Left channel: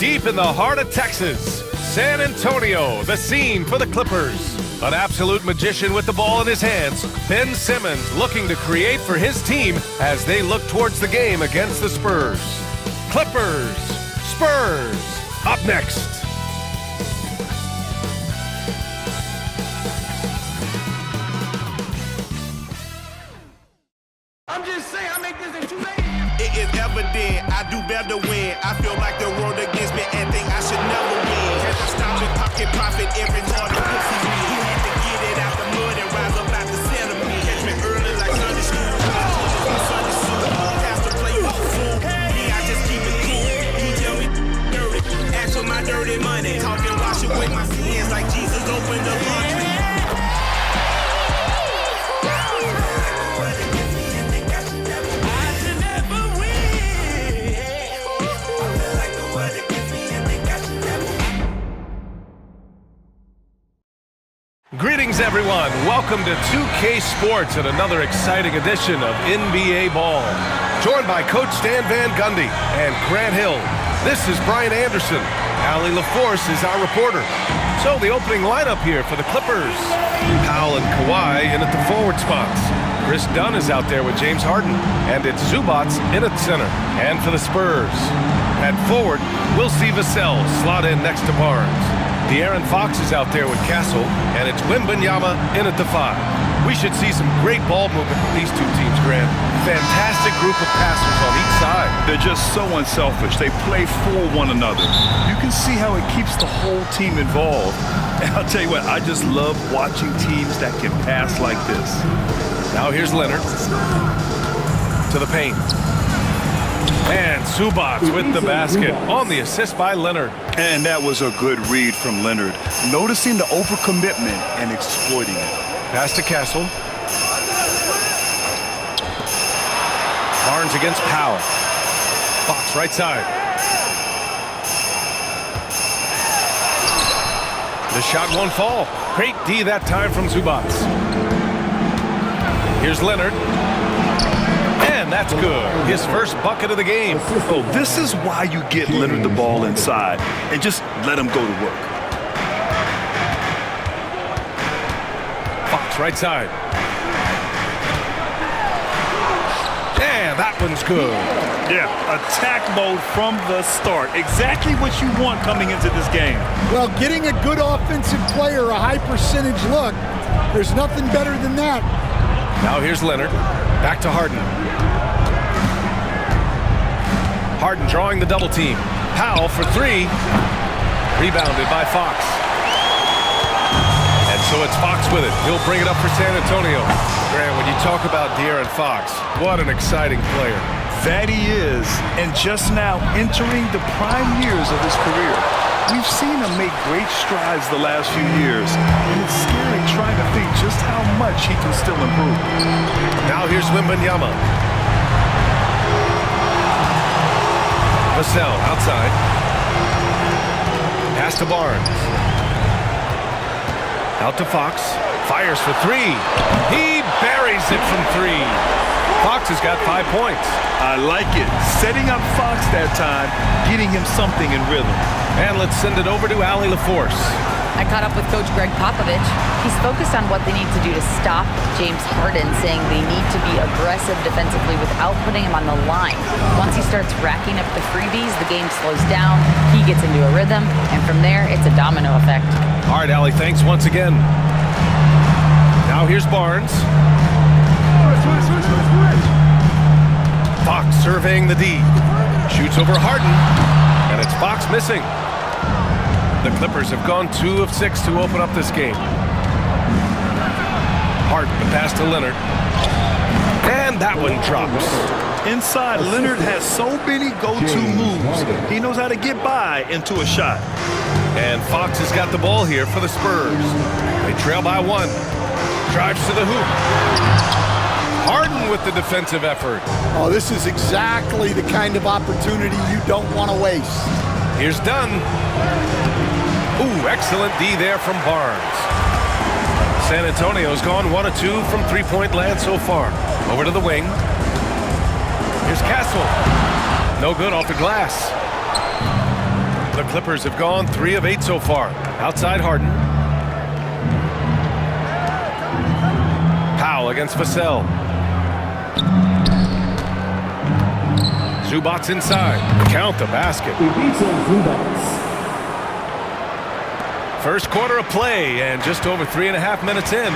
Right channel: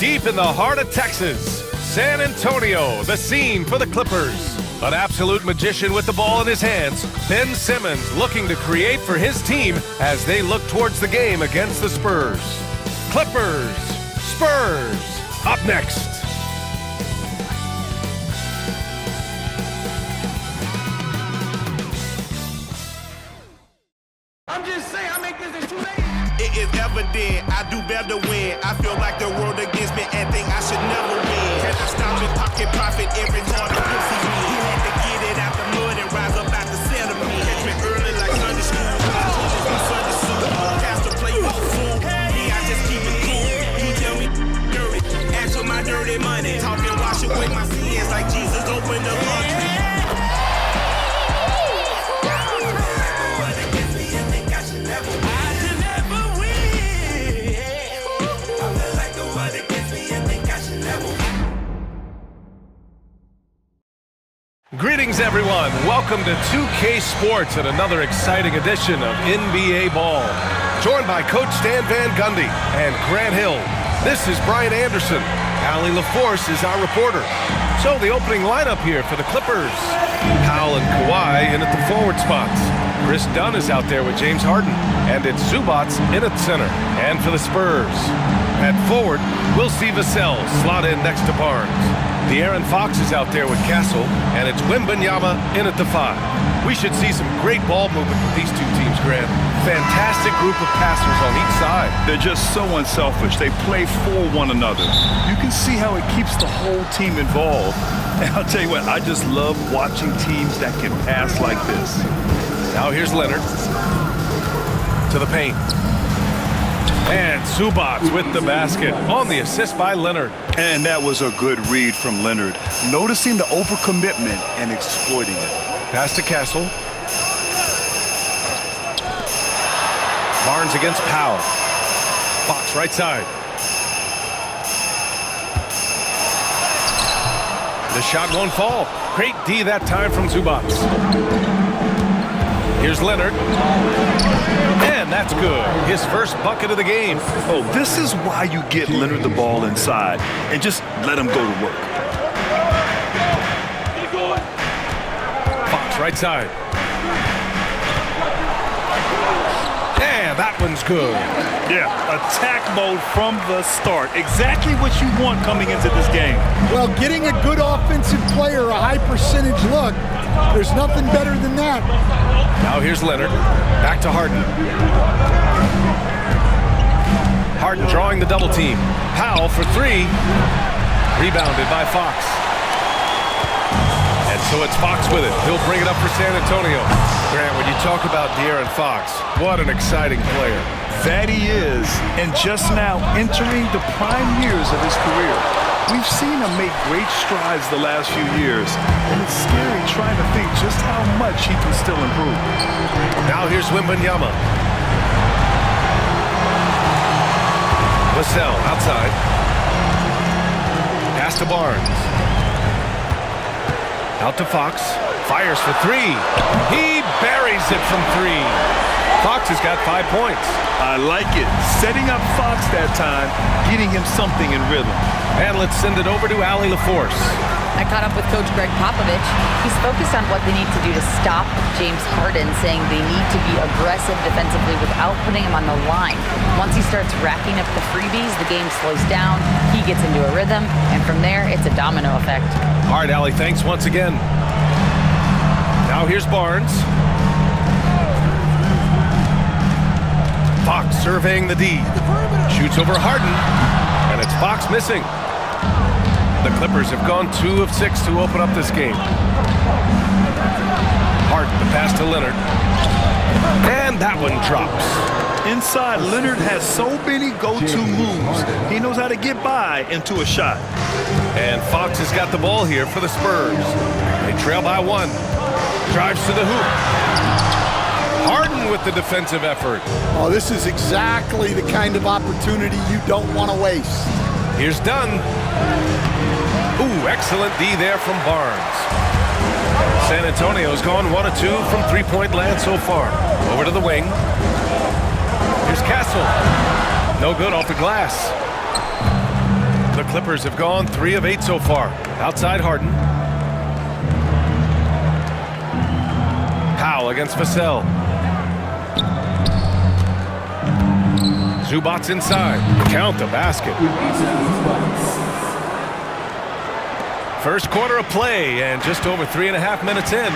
Deep in the heart of Texas, San Antonio, the scene for the Clippers. An absolute magician with the ball in his hands, Ben Simmons looking to create for his team as they look towards the game against the Spurs. Clippers, Spurs, up next. I'm just saying, I make this in 2 days. It is evident I do better when I feel like the world against me and think I should never win. Can I stop and pocket profit every hard to pussy me? He had to get it out the mud and rise up out the sediment. Catch me early like Sunday school. Sunday school. Pastor play with the fool. Me, I just keep it cool. He tell me dirty. Ask for my dirty money. Talking wash away my sins like Jesus opened the laundry. Greetings, everyone. Welcome to 2K Sports and another exciting edition of NBA Ball. Joined by Coach Stan Van Gundy and Grant Hill. This is Brian Anderson. Allie LaForce is our reporter. So the opening lineup here for the Clippers. Powell and Kawhi in at the forward spots. Chris Dunn is out there with James Harden. And it's Zubats in at center. And for the Spurs, at forward, we'll see Vassell slot in next to Barnes. De'Aaron Fox is out there with Castle, and it's Wembanyama in at the 5. We should see some great ball movement with these two teams, Grant. Fantastic group of passers on each side. They're just so unselfish. They play for one another. You can see how it keeps the whole team involved. And I'll tell you what, I just love watching teams that can pass like this. Now here's Leonard to the paint. And Zubats with the basket on the assist by Leonard. And that was a good read from Leonard, noticing the overcommitment and exploiting it. Pass to Castle. Barnes against Powell. Fox right side. The shot won't fall. Great D that time from Zubats. Here's Leonard. And that's good. His first bucket of the game. Oh, this is why you get Leonard the ball inside and just let him go to work. Fox right side. And that one's good. Yeah, attack mode from the start. Exactly what you want coming into this game. Well, getting a good offensive player a high percentage look, there's nothing better than that. Now here's Leonard. Back to Harden. Harden drawing the double team. Powell for 3. Rebounded by Fox. And so it's Fox with it. He'll bring it up for San Antonio. Grant, when you talk about De'Aaron Fox, what an exciting player. That he is, and just now entering the prime years of his career. We've seen him make great strides the last few years, and it's scary trying to think just how much he can still improve. Now here's Wembanyama. Vassell outside. Pass to Barnes. Out to Fox. Fires for 3. He buries it from 3. Fox has got 5 points. I like it. Setting up Fox that time, getting him something in rhythm. And let's send it over to Allie LaForce. I caught up with Coach Greg Popovich. He's focused on what they need to do to stop James Harden, saying they need to be aggressive defensively without putting him on the line. Once he starts racking up the freebies, the game slows down, he gets into a rhythm, and from there, it's a domino effect. All right, Allie, thanks once again. Now here's Barnes. Fox surveying the D. Shoots over Harden, and it's Fox missing. The Clippers have gone 2 of 6 to open up this game. Harden, the pass to Leonard. And that one drops. Inside, Leonard has so many go-to moves. He knows how to get by into a shot. And Fox has got the ball here for the Spurs. They trail by 1. Drives to the hoop. Harden with the defensive effort. Oh, this is exactly the kind of opportunity you don't want to waste. Here's Dunn. Ooh, excellent D there from Barnes. San Antonio's gone 1 of 2 from three-point land so far. Over to the wing. Here's Castle. No good off the glass. The Clippers have gone 3 of 8 so far. Outside Harden. Powell against Vassell. Zubac's inside. Count the basket. First quarter of play and just over 3.5 minutes in.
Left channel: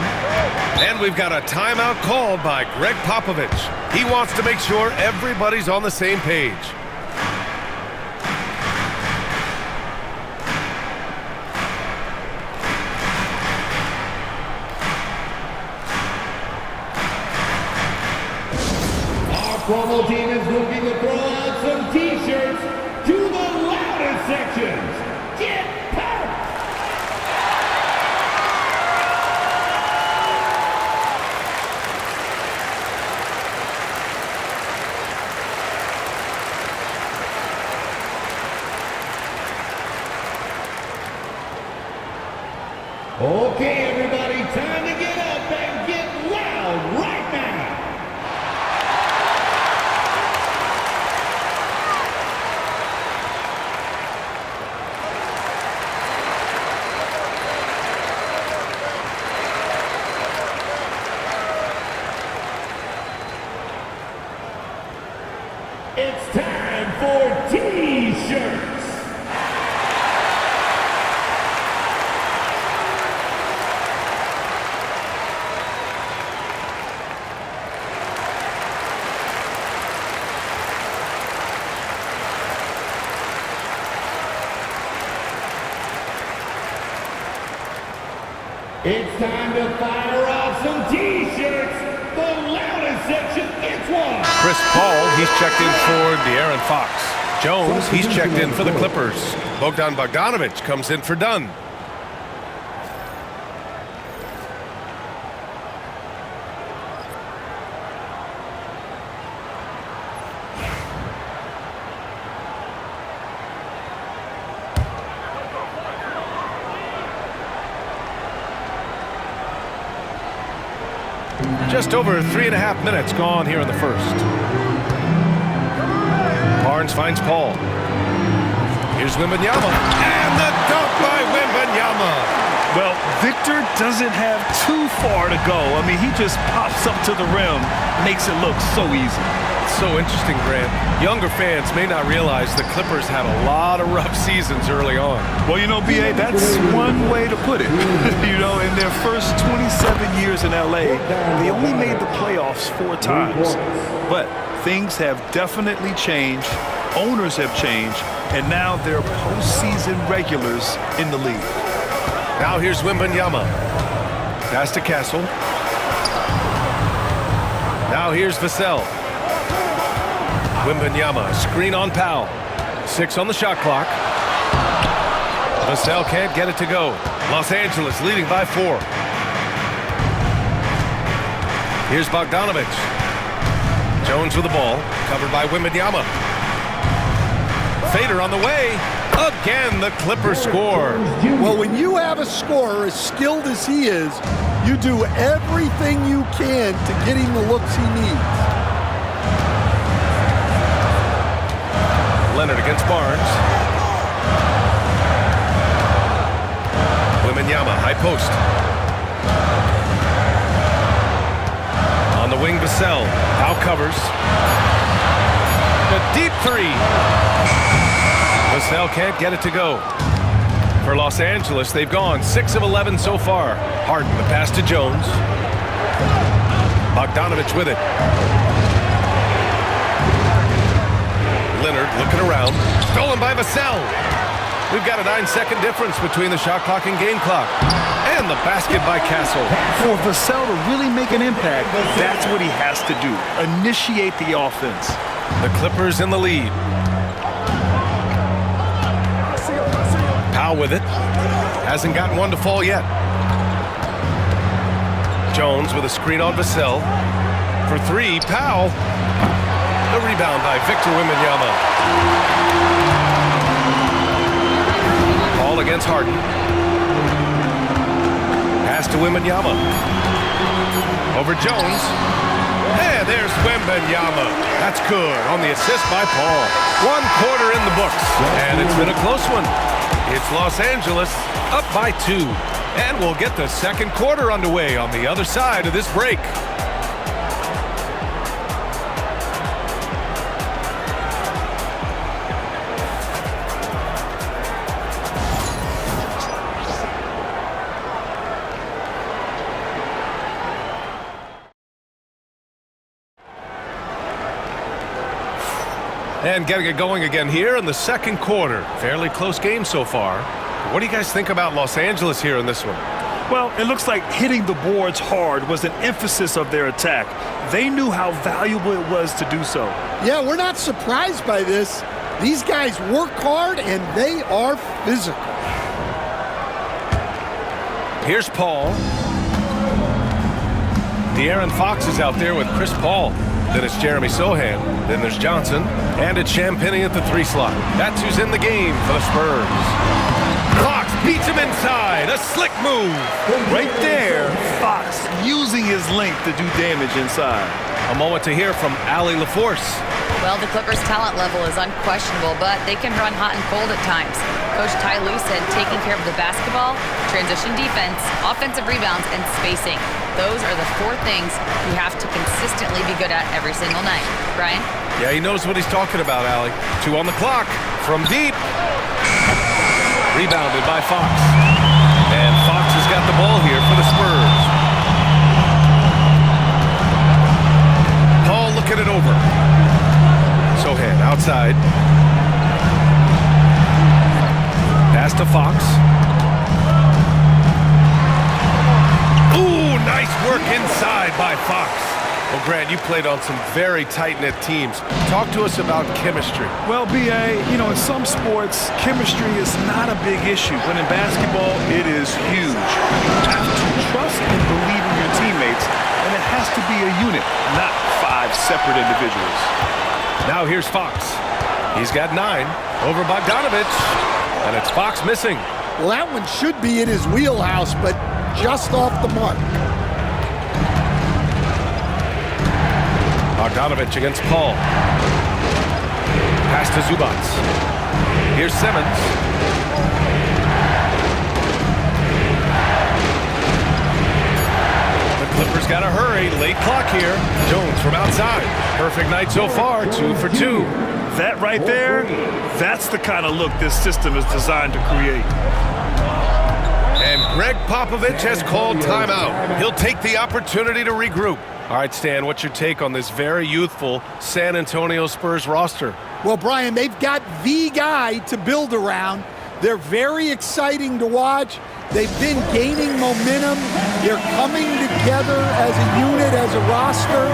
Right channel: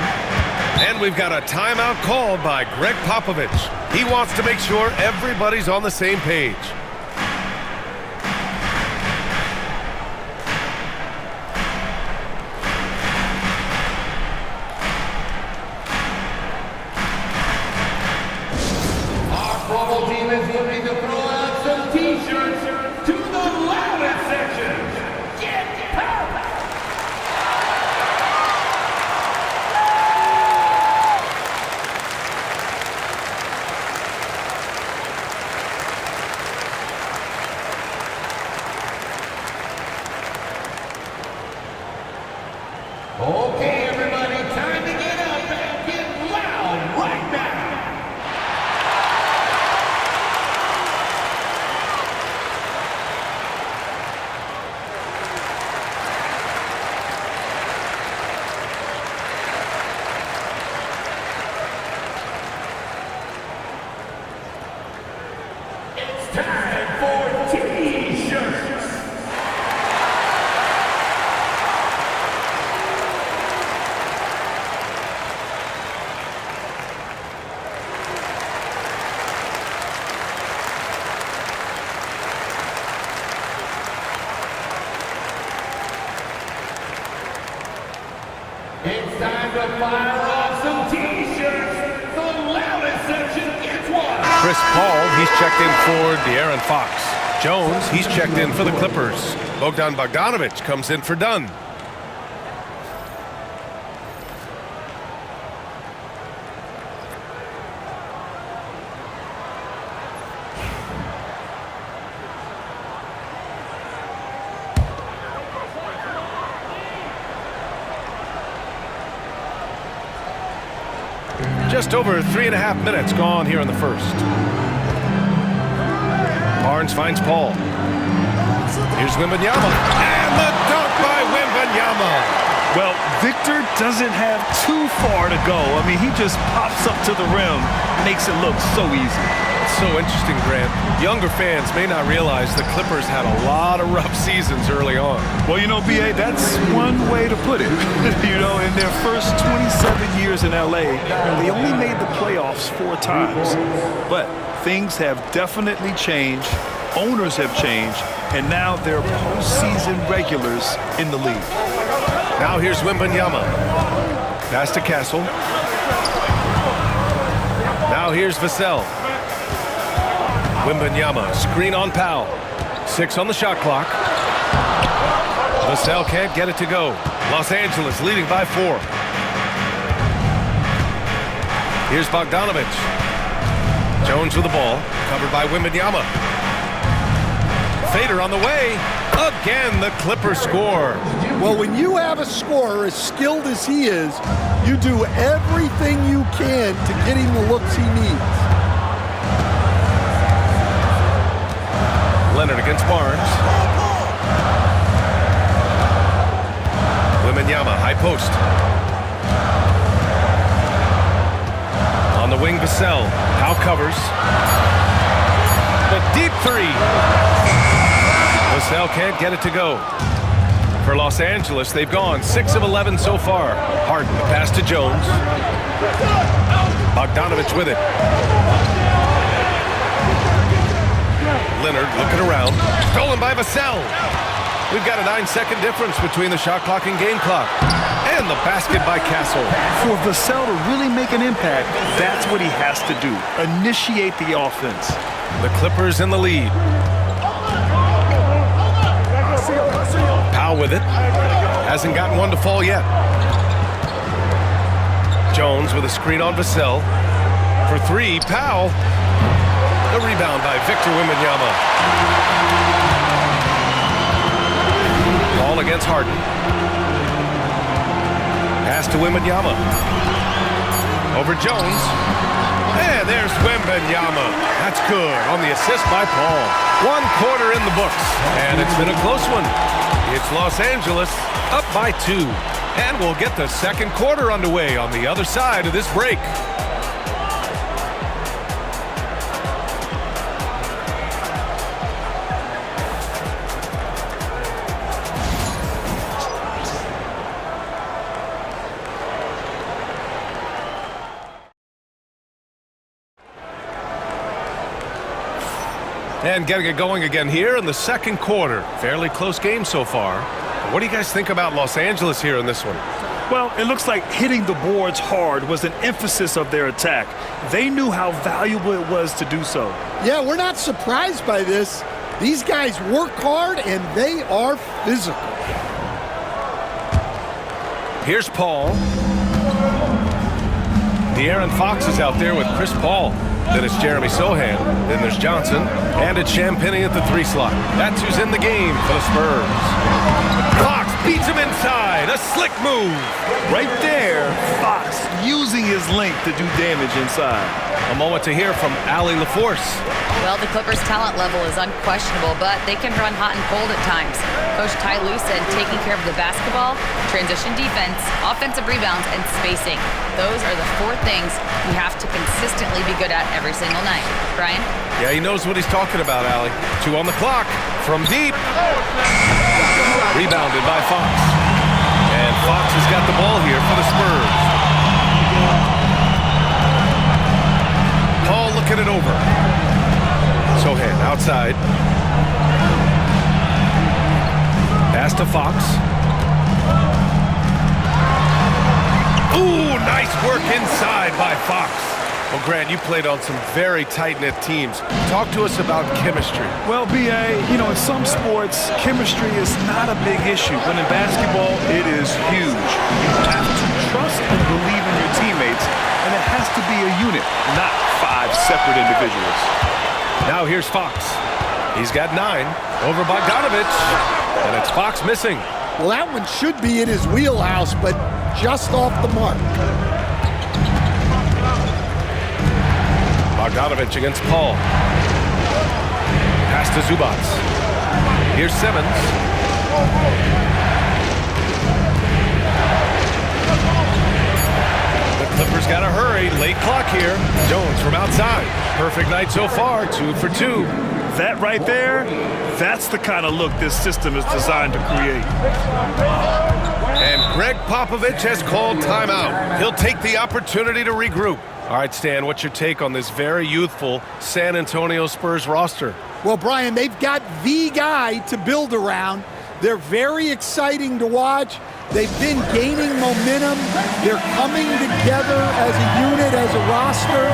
And we've got a timeout called by Greg Popovich. He wants to make sure everybody's on the same page. Our promo team is looking to throw out some t-shirts to the loudest sections. Get pumped! Okay, everybody, time to get up and get loud right now. It's time for T-shirts. It's time to fire off some T-shirts. The loudest section gets one. Chris Paul, he's checked in for De'Aaron Fox. Jones, he's checked in for the Clippers. Bogdan Bogdanović comes in for Dunn. Just over 3.5 minutes gone here in the first. Barnes finds Paul. Here's Wembanyama. And the dunk by Wembanyama. Well, Victor doesn't have too far to go. I mean, he just pops up to the rim, makes it look so easy. It's so interesting, Grant. Younger fans may not realize the Clippers had a lot of rough seasons early on. Well, you know, B.A., that's one way to put it. You know, in their first 27 years in L.A., they only made the playoffs 4 times. But things have definitely changed. Owners have changed. And now they're postseason regulars in the league. Now here's Wembanyama. Pass to Castle. Now here's Vassell. Wembanyama, screen on Powell. 6 on the shot clock. Vassell can't get it to go. Los Angeles leading by 4. Here's Bogdanović. Jones with the ball, covered by Wembanyama. Fader on the way. Again, the Clippers score. Well, when you have a scorer as skilled as he is, you do everything you can to get him the looks he needs. Leonard against Barnes. Wembanyama, high post. On the wing, Vassell. Powell covers. The deep 3. Vassell can't get it to go. For Los Angeles, they've gone 6 of 11 so far. Harden, the pass to Jones. Bogdanović with it. Leonard looking around. Stolen by Vassell. We've got a 9-second difference between the shot clock and game clock. And the basket by Castle. For Vassell to really make an impact, that's what he has to do. Initiate the offense. The Clippers in the lead. Powell with it. Hasn't gotten one to fall yet. Jones with a screen on Vassell. For 3, Powell. The rebound by Victor Wembanyama. Paul against Harden. Pass to Wembanyama. Over Jones. And there's Wembanyama. That's good on the assist by Paul. 1 quarter in the books, and it's been a close one. It's Los Angeles up by 2. And we'll get the second quarter underway on the other side of this break. And getting it going again here in the second quarter. Fairly close game so far. What do you guys think about Los Angeles here in this one? Well, it looks like hitting the boards hard was an emphasis of their attack. They knew how valuable it was to do so. Yeah, we're not surprised by this. These guys work hard and they are physical. Here's Paul. De'Aaron Fox is out there with Chris Paul. Then it's Jeremy Sohan. Then there's Johnson. And it's Champagnie at the 3 slot. That's who's in the game for the Spurs. Fox beats him inside. A slick move. Right there, Fox using his length to do damage inside. A moment to hear from Allie LaForce. Well, the Clippers' talent level is unquestionable, but they can run hot and cold at times. Coach Ty Lue said taking care of the basketball, transition defense, offensive rebounds, and spacing. Those are the 4 things we have to consistently be good at every single night. Brian? Yeah, he knows what he's talking about, Allie. 2 on the clock. From deep. Rebounded by Fox. And Fox has got the ball here for the Spurs. Paul looking it over. Sohan outside. Pass to Fox. Ooh, nice work inside by Fox. Well, Grant, you played on some very tight-knit teams. Talk to us about chemistry. Well, B.A., you know, in some sports, chemistry is not a big issue, but in basketball, it is huge. You have to trust and believe in your teammates, and it has to be a unit, not 5 separate individuals. Now here's Fox. He's got 9 over Bogdanovich, and it's Fox missing. Well, that one should be in his wheelhouse, but just off the mark. Bogdanovich against Paul. Pass to Zubac. Here's Simmons. The Clippers got to hurry. Late clock here. Jones from outside. Perfect night so far. 2 for 2. That right there, that's the kind of look this system is designed to create. And Greg Popovich has called timeout. He'll take the opportunity to regroup. All right, Stan, what's your take on this very youthful San Antonio Spurs roster? Well, Brian, they've got the guy to build around. They're very exciting to watch. They've been gaining momentum. They're coming together as a unit, as a roster.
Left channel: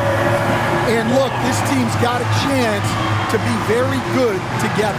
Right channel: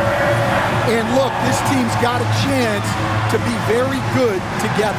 And look, this team's got a chance to be very good together.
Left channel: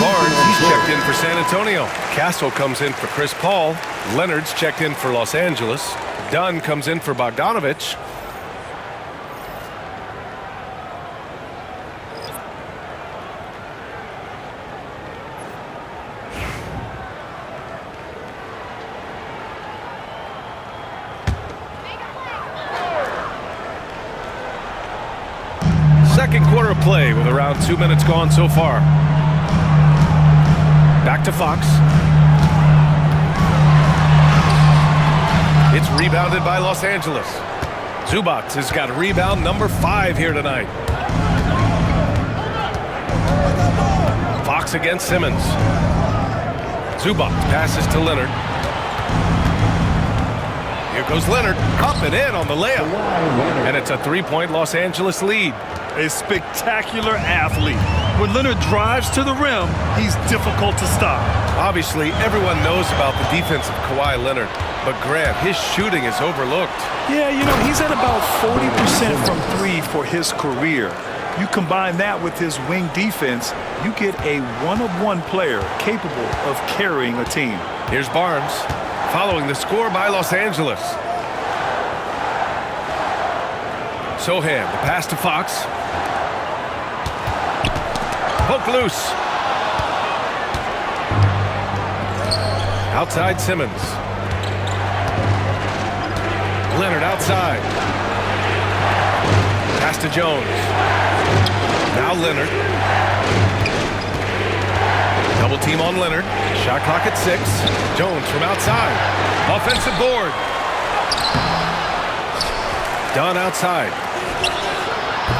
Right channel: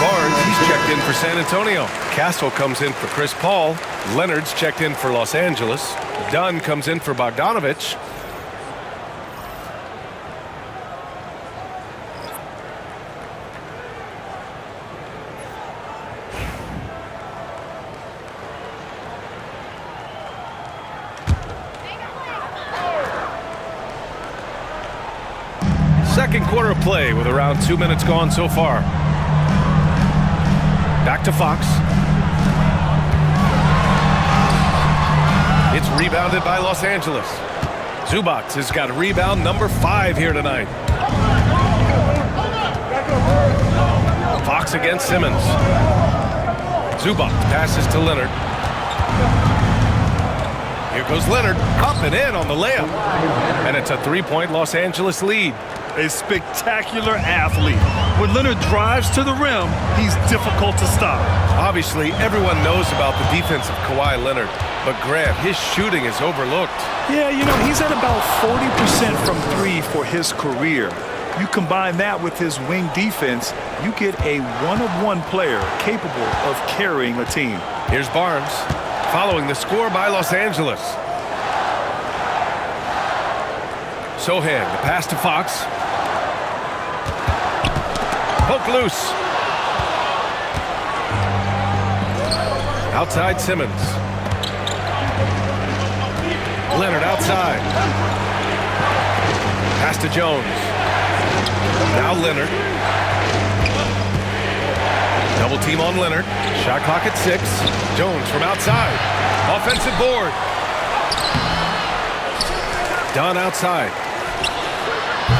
Barnes, he's checked in for San Antonio. Castle comes in for Chris Paul. Leonard's checked in for Los Angeles. Dunn comes in for Bogdanovich. Second quarter of play with around 2 minutes gone so far. Back to Fox. It's rebounded by Los Angeles. Zubac has got rebound number 5 here tonight. Fox against Simmons. Zubac passes to Leonard. Here goes Leonard, up and in on the layup. And it's a 3-point Los Angeles lead. A spectacular athlete. When Leonard drives to the rim, he's difficult to stop. Obviously, everyone knows about the defense of Kawhi Leonard, but Grant, his shooting is overlooked. Yeah, he's at about 40% from 3 for his career. You combine that with his wing defense, you get a one-of-one player capable of carrying a team. Here's Barnes, following the score by Los Angeles. Sohan, the pass to Fox. Poke loose. Outside Simmons. Leonard outside. Pass to Jones. Now Leonard. Double team on Leonard. Shot clock at 6. Jones from outside. Offensive board. Dunn outside.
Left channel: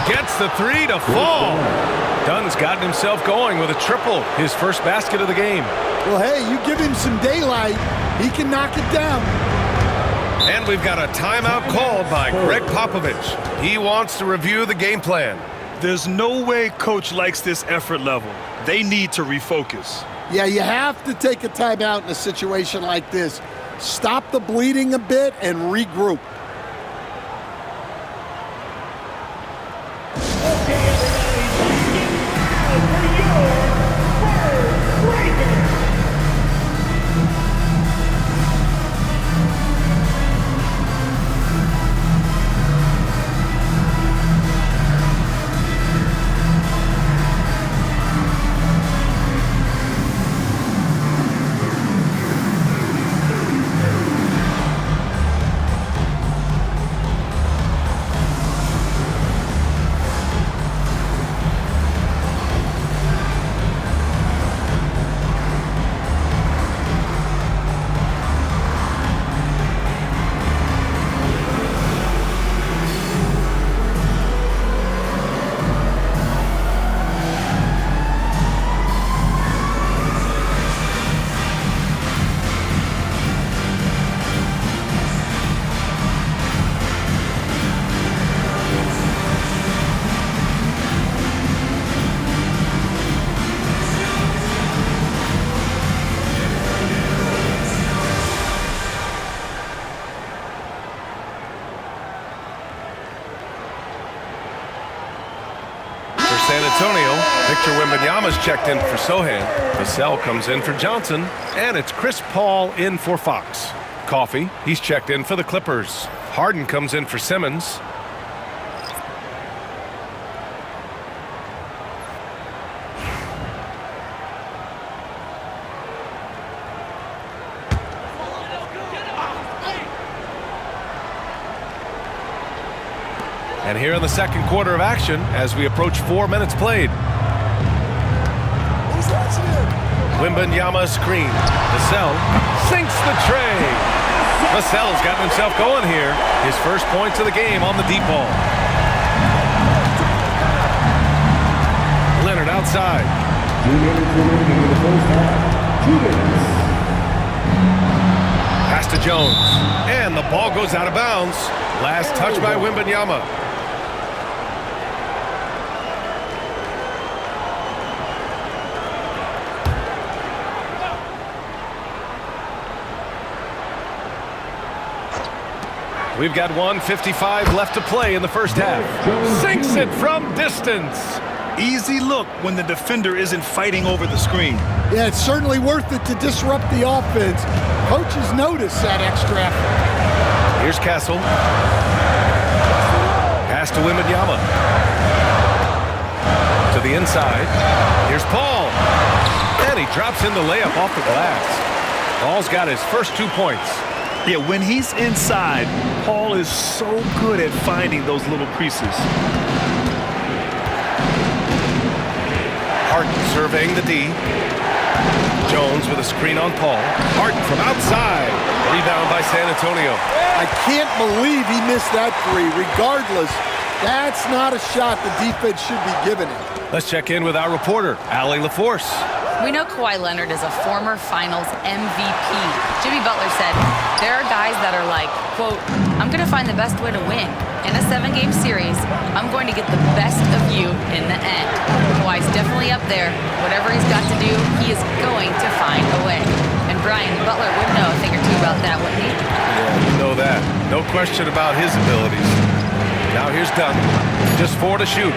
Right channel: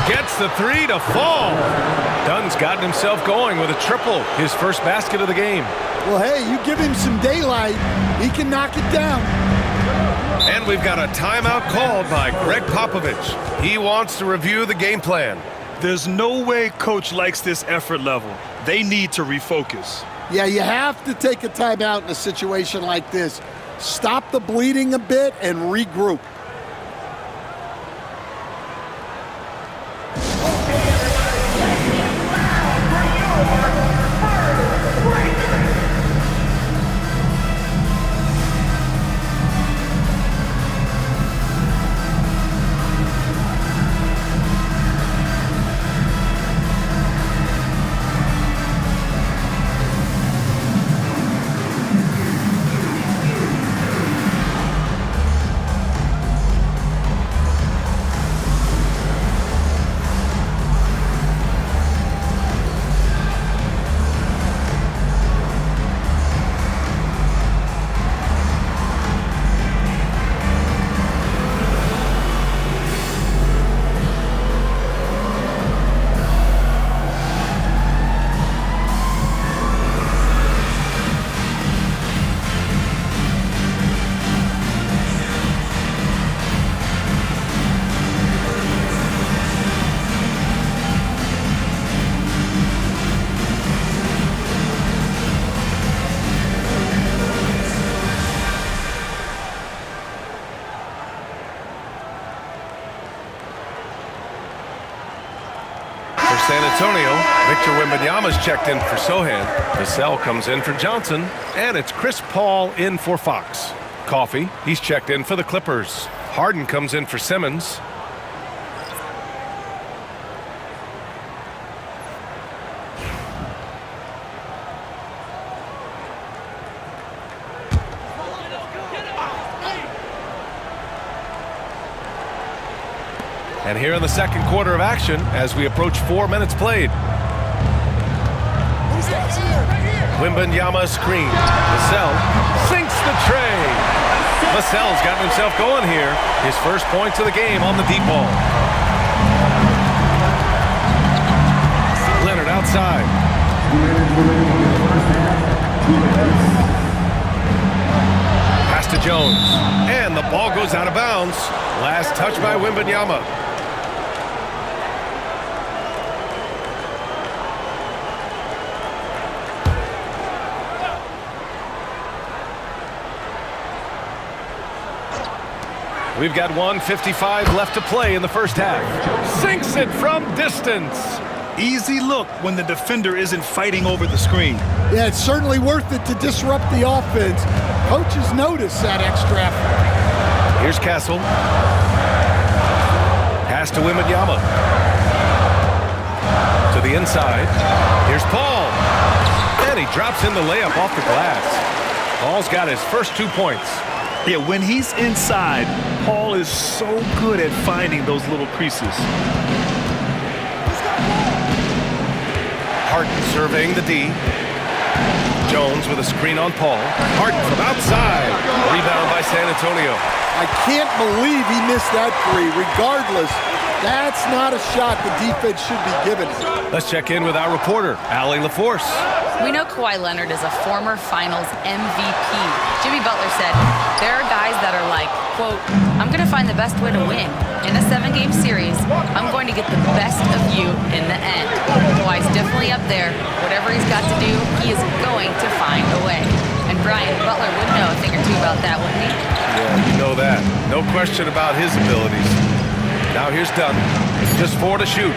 Gets the 3 to fall. Dunn's gotten himself going with a triple, his first basket of the game. Well, hey, you give him some daylight, he can knock it down. And we've got a timeout called by Greg Popovich. He wants to review the game plan. There's no way coach likes this effort level. They need to refocus. Yeah, you have to take a timeout in a situation like this. Stop the bleeding a bit and regroup. San Antonio, Victor Wembanyama's checked in for Sohan. Vassell comes in for Johnson, and it's Chris Paul in for Fox. Coffey, he's checked in for the Clippers. Harden comes in for Simmons. And here in the second quarter of action, as we approach 4 minutes played. Wembanyama screen. Vassell sinks the tray. Vassell's gotten himself going here. His first points of the game on the deep ball. Leonard outside. 2 minutes remaining in the first half. 2 minutes. Pass to Jones. And the ball goes out of bounds. Last touch by Wembanyama. We've got 1:55 left to play in the first half. Sinks it from distance. Easy look when the defender isn't fighting over the screen. Yeah, it's certainly worth it to disrupt the offense. Coaches notice that extra effort. Here's Castle. Pass to Wembanyama. To the inside. Here's Paul. And he drops in the layup off the glass. Paul's got his first 2 points. Yeah, when he's inside, Paul is so good at finding those little creases. Harden surveying the D. Jones with a screen on Paul. Harden from outside. Rebound by San Antonio. I can't believe he missed that three. Regardless, that's not a shot the defense should be giving him. Let's check in with our reporter, Allie LaForce. We know Kawhi Leonard is a former Finals MVP. Jimmy Butler said, there are guys that are like, quote, I'm going to find the best way to win. In a 7-game series, I'm going to get the best of you in the end. Kawhi's definitely up there. Whatever he's got to do, he is going to find a way. And Brian, Butler would know a thing or two about that, wouldn't he? Yeah, you know that. No question about his abilities. Now here's Dunn. Just 4 to shoot.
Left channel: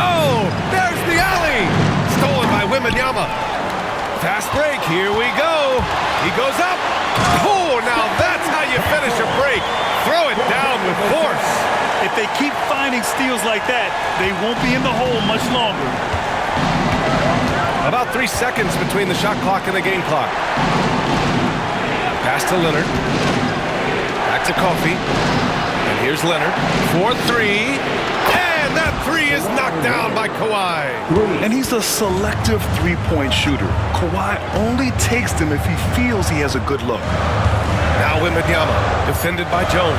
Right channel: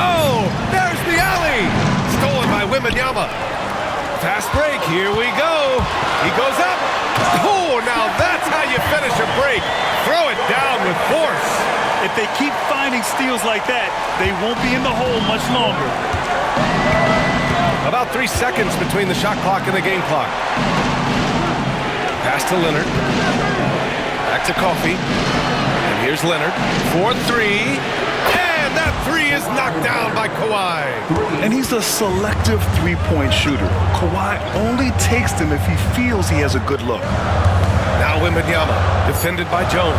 Oh, there's the alley! Stolen by Wembanyama. Fast break, here we go. He goes up. Oh, now that's how you finish a break. Throw it down with force. If they keep finding steals like that, they won't be in the hole much longer. About 3 seconds between the shot clock and the game clock. Pass to Leonard. Back to Coffey. And here's Leonard. 4-3. And that three is knocked down by Kawhi. And he's a selective three-point shooter. Kawhi only takes them if he feels he has a good look. Now Wembanyama, defended by Jones.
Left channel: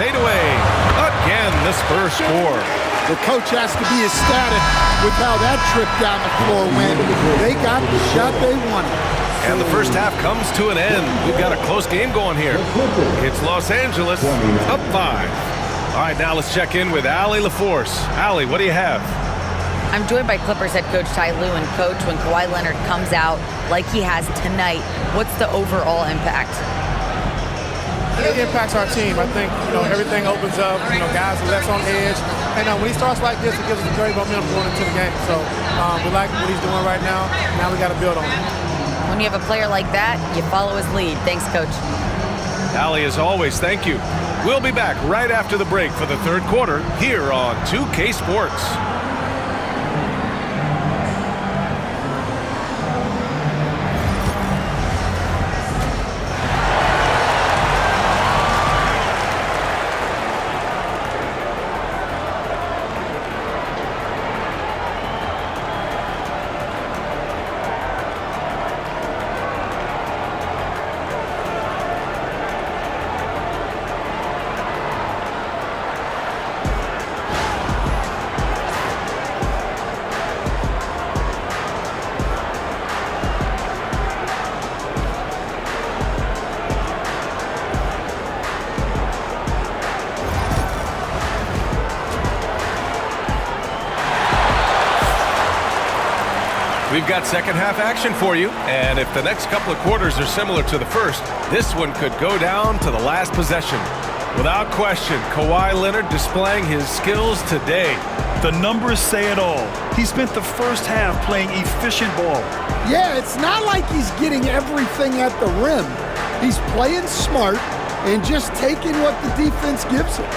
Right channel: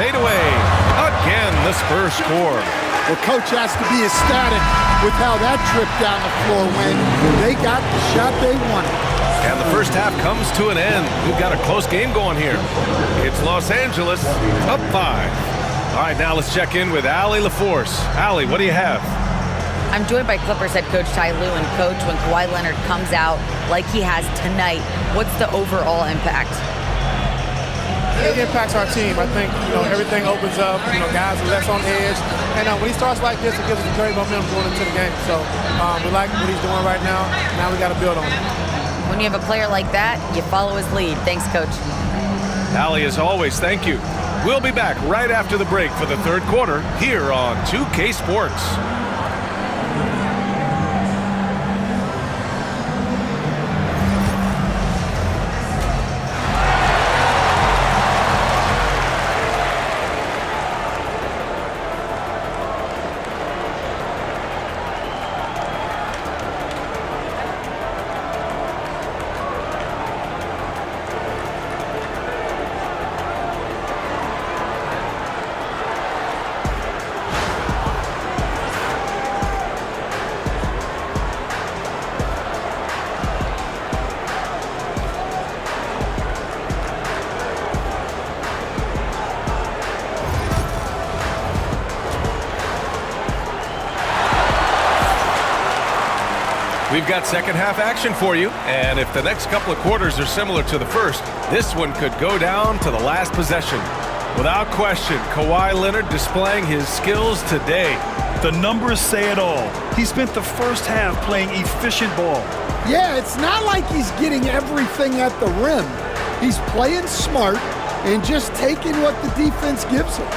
Fade away. Again, the Spurs score. Well, coach has to be ecstatic with how that trip down the floor went. They got the shot they wanted. And the first half comes to an end. We've got a close game going here. It's Los Angeles, up 5. All right, now let's check in with Allie LaForce. Allie, what do you have? I'm joined by Clippers head coach Ty Lue. And coach, when Kawhi Leonard comes out like he has tonight, what's the overall impact? It impacts our team. I think, everything opens up. Guys are less on edge. And when he starts like this, it gives us a great momentum going into the game. So we like what he's doing right now. Now we got to build on it. When you have a player like that, you follow his lead. Thanks, coach. Allie, as always, thank you. We'll be back right after the break for the third quarter here on 2K Sports. We've got second half action for you, and if the next couple of quarters are similar to the first, this one could go down to the last possession. Without question, Kawhi Leonard displaying his skills today. The numbers say it all. He spent the first half playing efficient ball. Yeah, it's not like he's getting everything at the rim. He's playing smart and just taking what the defense gives him.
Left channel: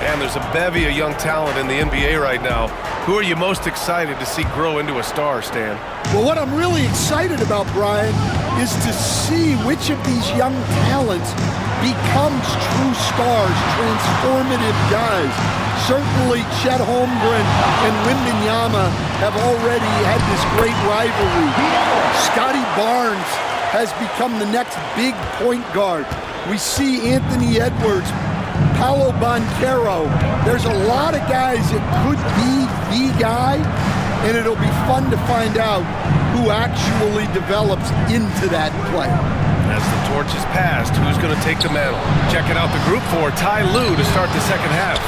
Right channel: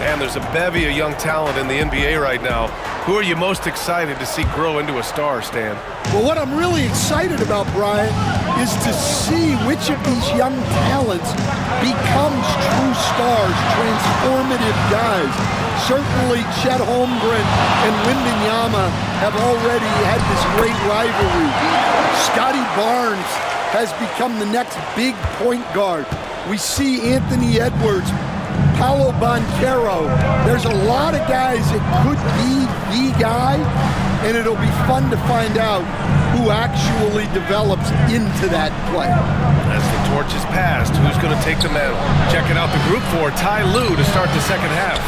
And there's a bevy of young talent in the NBA right now. Who are you most excited to see grow into a star, Stan? Well, what I'm really excited about, Brian, is to see which of these young talents becomes true stars, transformative guys. Certainly, Chet Holmgren and Wembanyama have already had this great rivalry. Scotty Barnes has become the next big point guard. We see Anthony Edwards, Paolo Banchero. There's a lot of guys that could be the guy, and it'll be fun to find out who actually develops into that play. As the torch is passed, who's going to take the mantle? Checking out the group for Ty Lue to start the second half.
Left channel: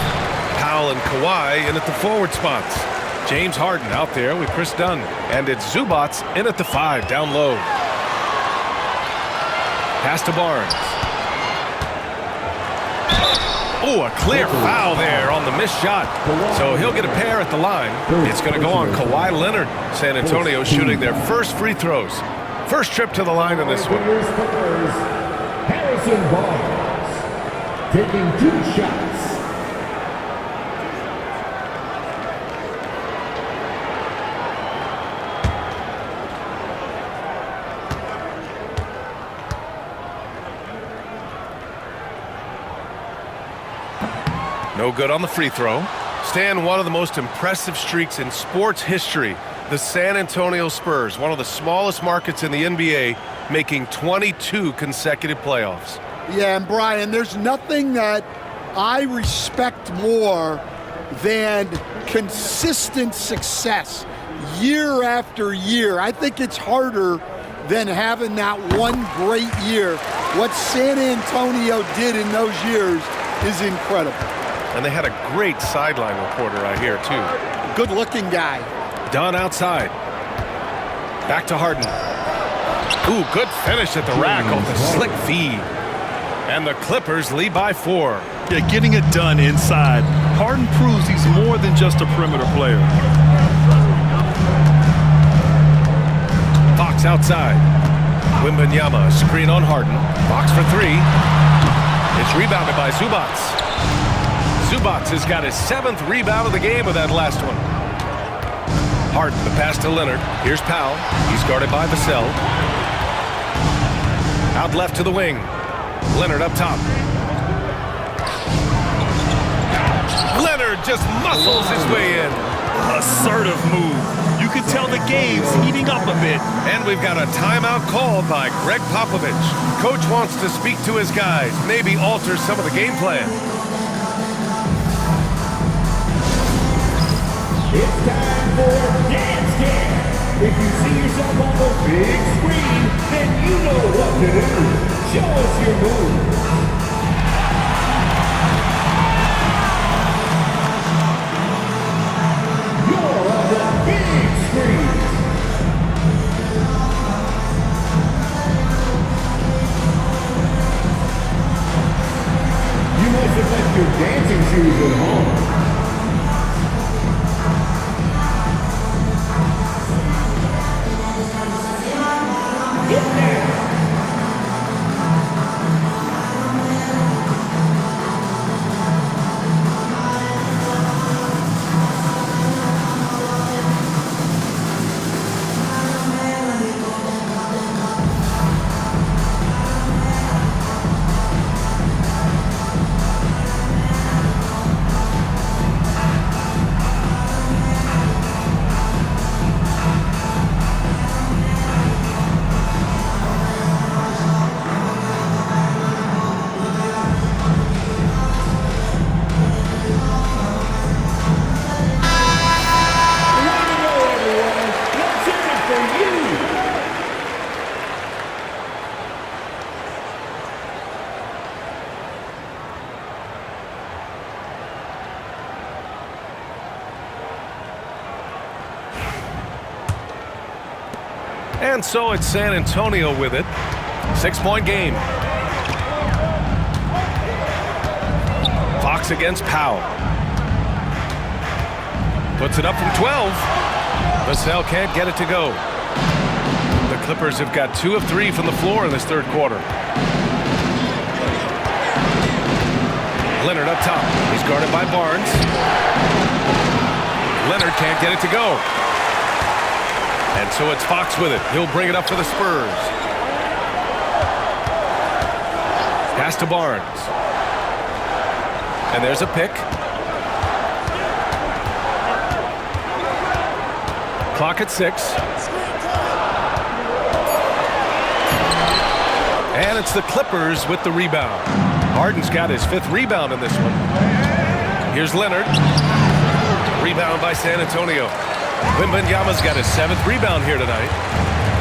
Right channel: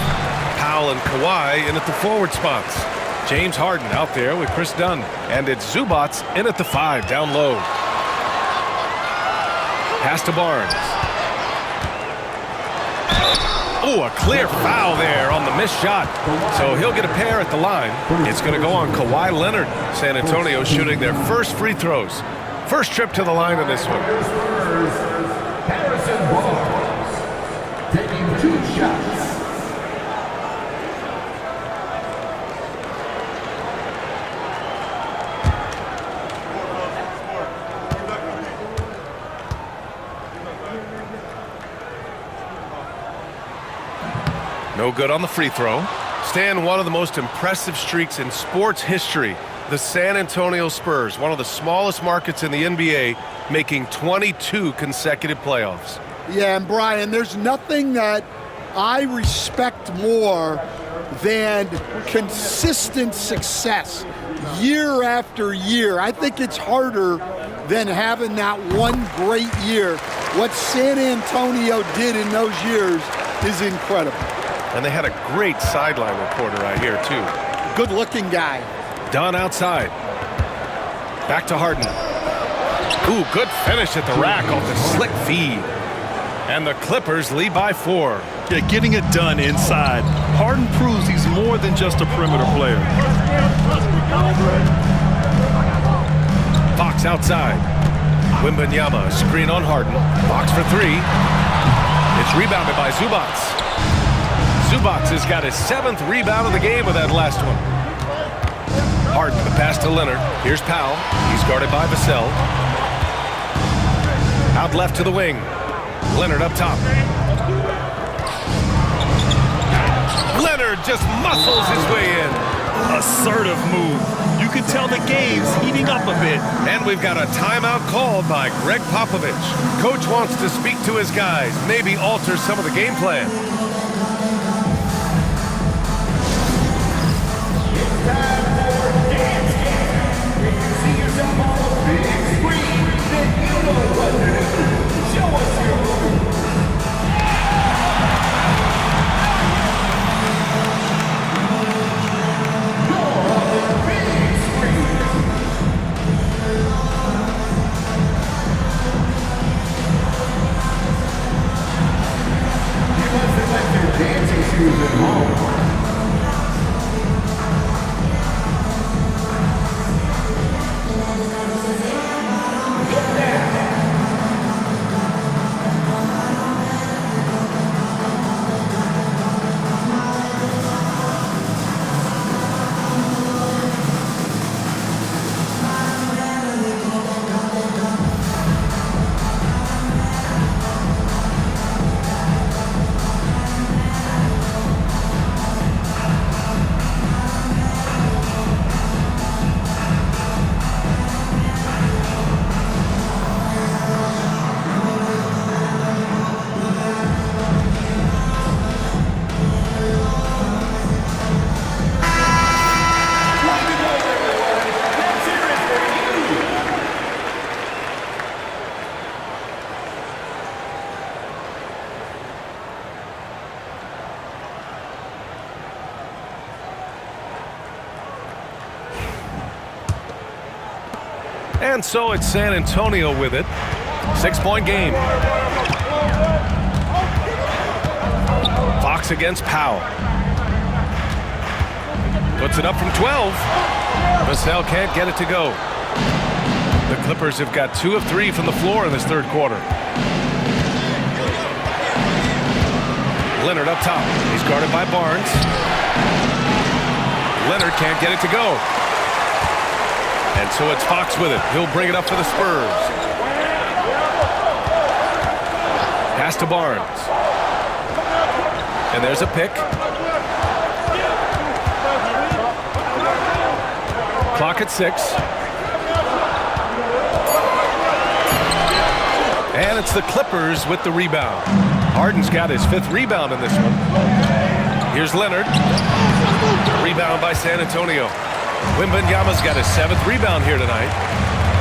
Powell and Kawhi in at the forward spots. James Harden out there with Chris Dunn. And it's Zubats in at the 5 down low. Pass to Barnes. Oh, a clear foul there on the missed shot. So he'll get a pair at the line. It's going to go on Kawhi Leonard. San Antonio shooting their first free throws. First trip to the line in this one. Harrison Barnes taking 2 shots. No good on the free throw. Stan, one of the most impressive streaks in sports history. The San Antonio Spurs, one of the smallest markets in the NBA, making 22 consecutive playoffs. Yeah, and Brian, there's nothing that I respect more than consistent success year after year. I think it's harder than having that one great year. What San Antonio did in those years is incredible. And they had a great sideline reporter, I hear, too. Good-looking guy. Dunn outside. Back to Harden. Ooh, good finish at the rack off the slick feed. And the Clippers lead by 4. Yeah, getting it done inside. Harden proves he's more than just a perimeter player. Fox outside. Wembanyama, screen on Harden. Fox for 3. It's rebounded by Zubac. Zubac has got his 7th rebound of the game with that last one. Harden, the pass to Leonard. Here's Powell. He's guarded by Vassell. Out left to the wing. Leonard up top. Leonard just muscles his way in. Assertive move. You can tell the game's heating up a bit. And we've got a timeout called by Greg Popovich. Coach wants to speak to his guys, maybe alter some of the game plan. It's time for Dance Cam. If you see yourself on the big screen, then you know what to do. Show us your move. You're on the big screen. You must have left your dancing shoes at home. And so it's San Antonio with it. 6-point game. Fox against Powell. Puts it up from 12. Vassell can't get it to go. The Clippers have got 2 of 3 from the floor in this third quarter. Leonard up top. He's guarded by Barnes. Leonard can't get it to go. And so it's Fox with it. He'll bring it up for the Spurs. Pass to Barnes. And there's a pick. Clock at 6. And it's the Clippers with the rebound. Harden's got his 5th rebound in this one. Here's Leonard. Rebound by San Antonio. Wembanyama's got his 7th rebound here tonight.